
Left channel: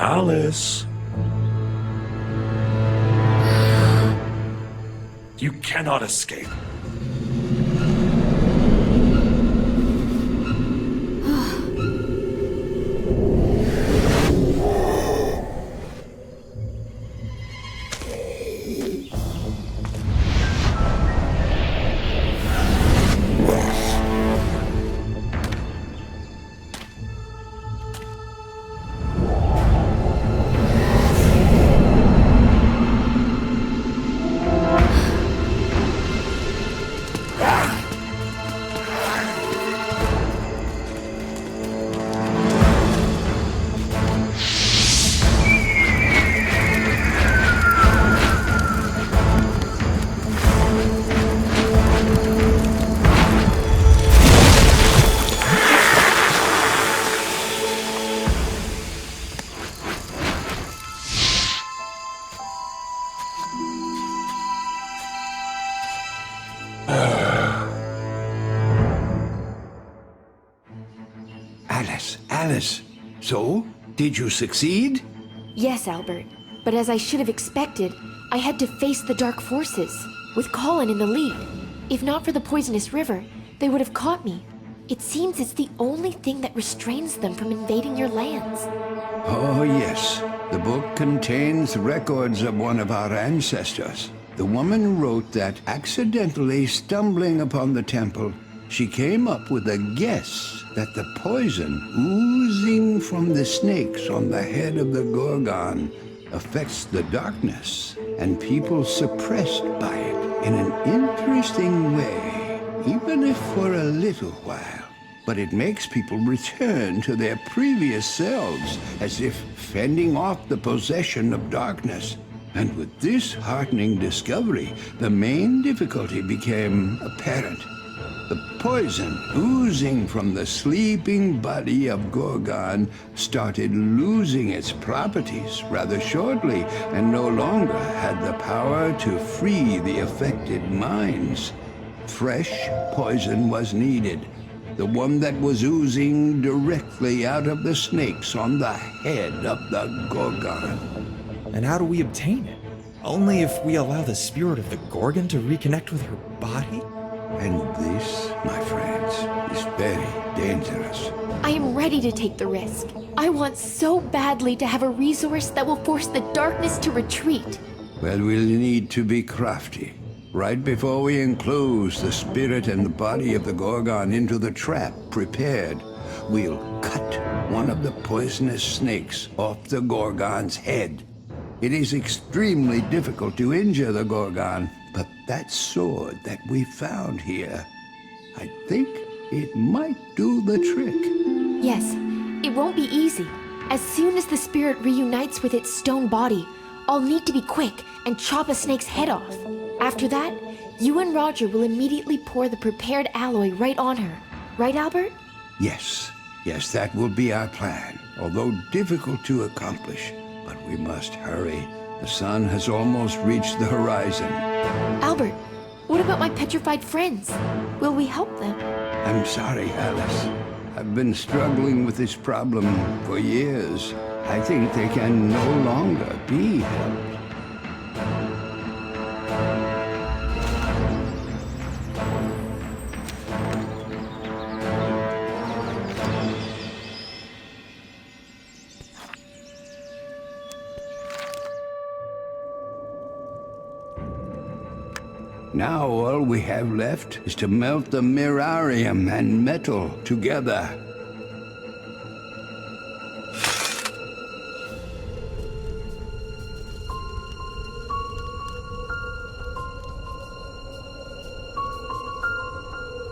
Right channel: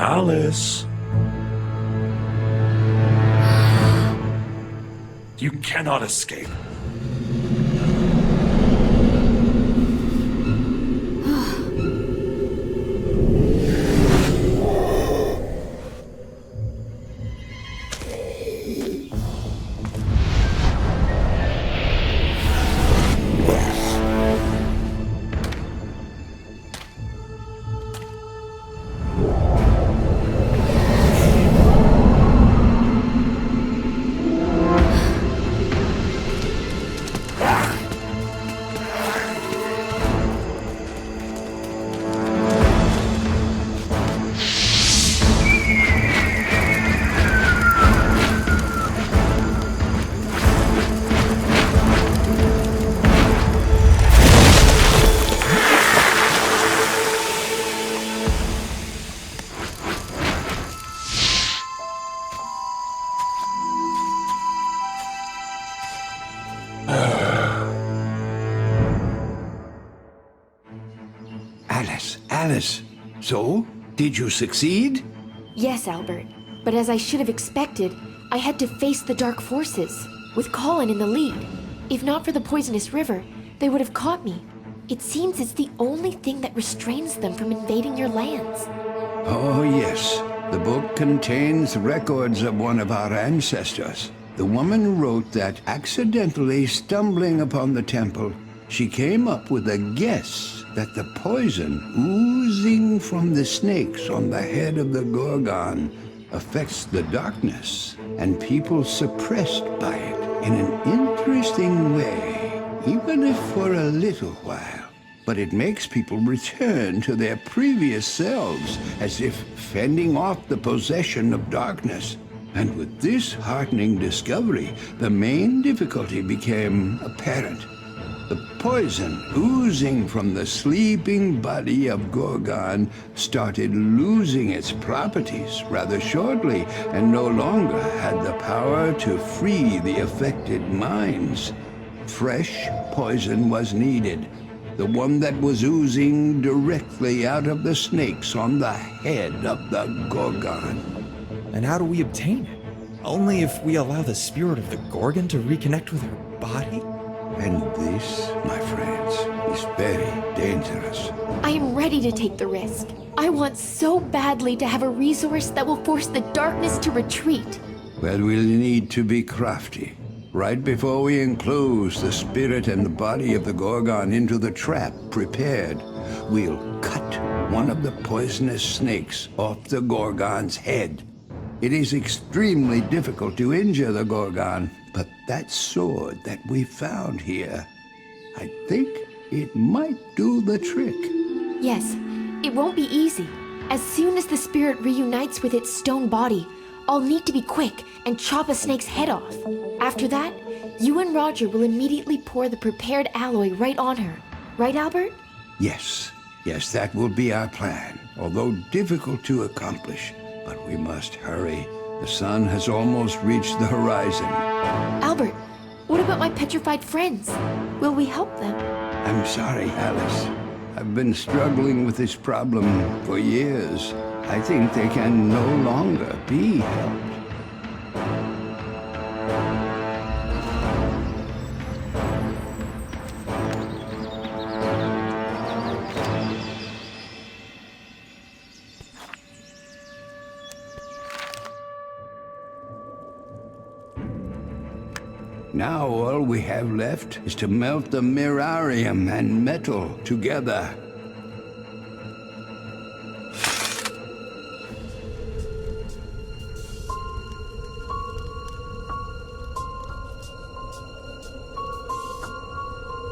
Alice. You cannot escape. Alice, so? Did you succeed? Yes, Albert. But as I should have expected, I had to face the dark forces, with Colin in the lead. If not for the poisonous river, they would have caught me. It seems it's the only thing that restrains them from invading your lands. Oh, yes. The book contains records of one of our ancestors. The woman wrote that accidentally stumbling upon the temple, she came up with a guess that the poison oozing from the snakes on the head of the Gorgon affects the darkness, and people suppressed by it in an interesting way, even if for a little while. But it makes people return to their previous selves, as if fending off the possession of darkness. And with this heartening discovery, the main difficulty became apparent. The poison oozing from the sleeping body of Gorgon started losing its properties rather shortly, and no longer had the power to free the affected minds. Fresh poison was needed, the one that was oozing directly out of the snakes on the head of the Gorgon. And how do we obtain it? Only if we allow the spirit of the Gorgon to reconnect with her body? And this, my friends, is very dangerous. I am ready to take the risk. I want so badly to have a resource that will force the darkness to retreat. Well, we'll need to be crafty. Right before we enclose the spirit and the body of the Gorgon into the trap prepared, we'll cut one of the poisonous snakes off the Gorgon's head. It is extremely difficult to injure the Gorgon, but that sword that we found here, I think it might do the trick. Yes, it won't be easy. As soon as the spirit reunites with its stone body, I'll need to be quick and chop a snake's head off. After that, you and Roger will immediately pour the prepared alloy right on her. Right, Albert? Yes, that will be our plan, although difficult to accomplish. But we must hurry. The sun has almost reached the horizon. Albert, what about my petrified friends? Will we help them? I'm sorry, Alice. I've been struggling with this problem for years. I think they can no longer be helped. Now all we have left is to melt the mirarium and metal together.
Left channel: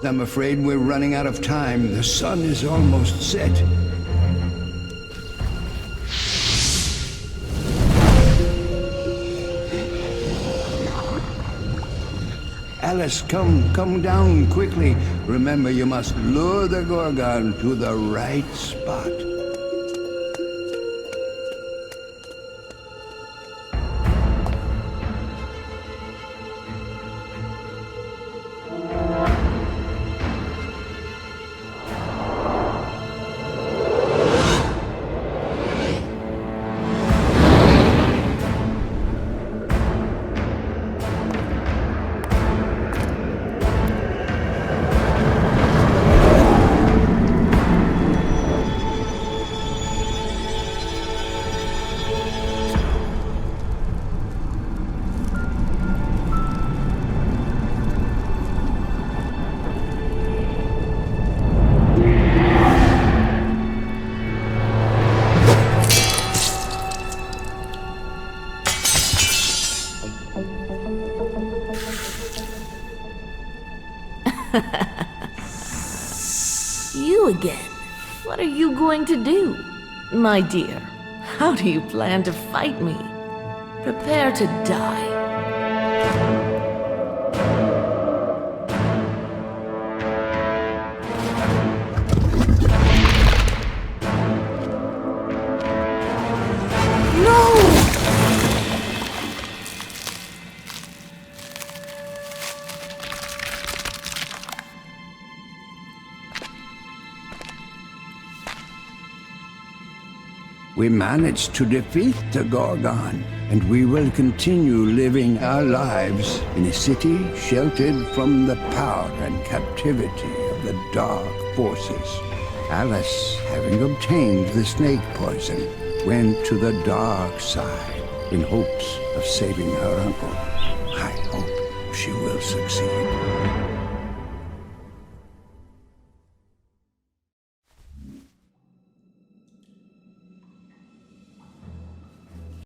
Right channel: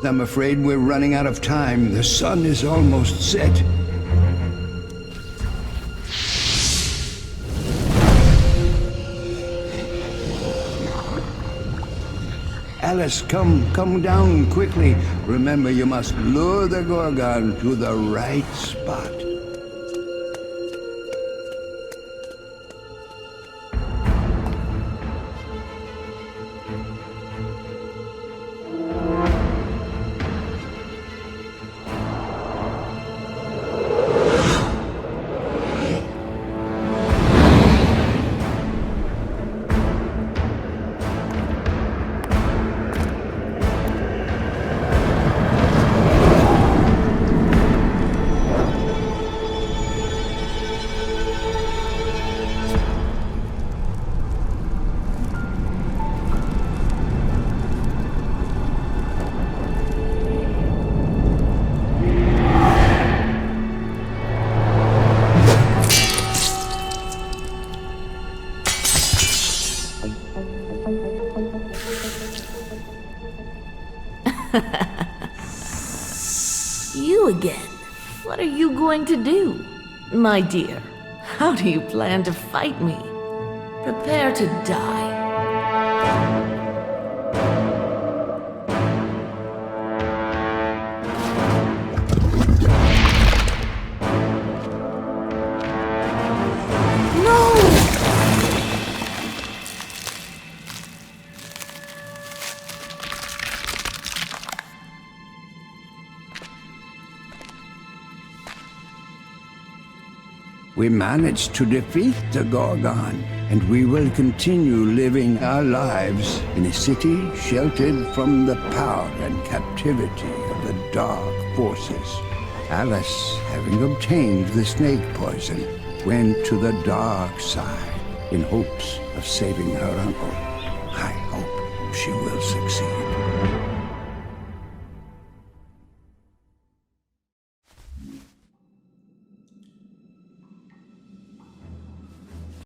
I'm afraid we're running out of time. The sun is almost set. Alice, come down quickly. Remember, you must lure the Gorgon to the right spot. You again. What are you going to do? My dear, how do you plan to fight me? Prepare to die. We managed to defeat the Gorgon, and we will continue living our lives in a city sheltered from the power and captivity of the dark forces. Alice, having obtained the snake poison, went to the dark side in hopes of saving her uncle. I hope she will succeed.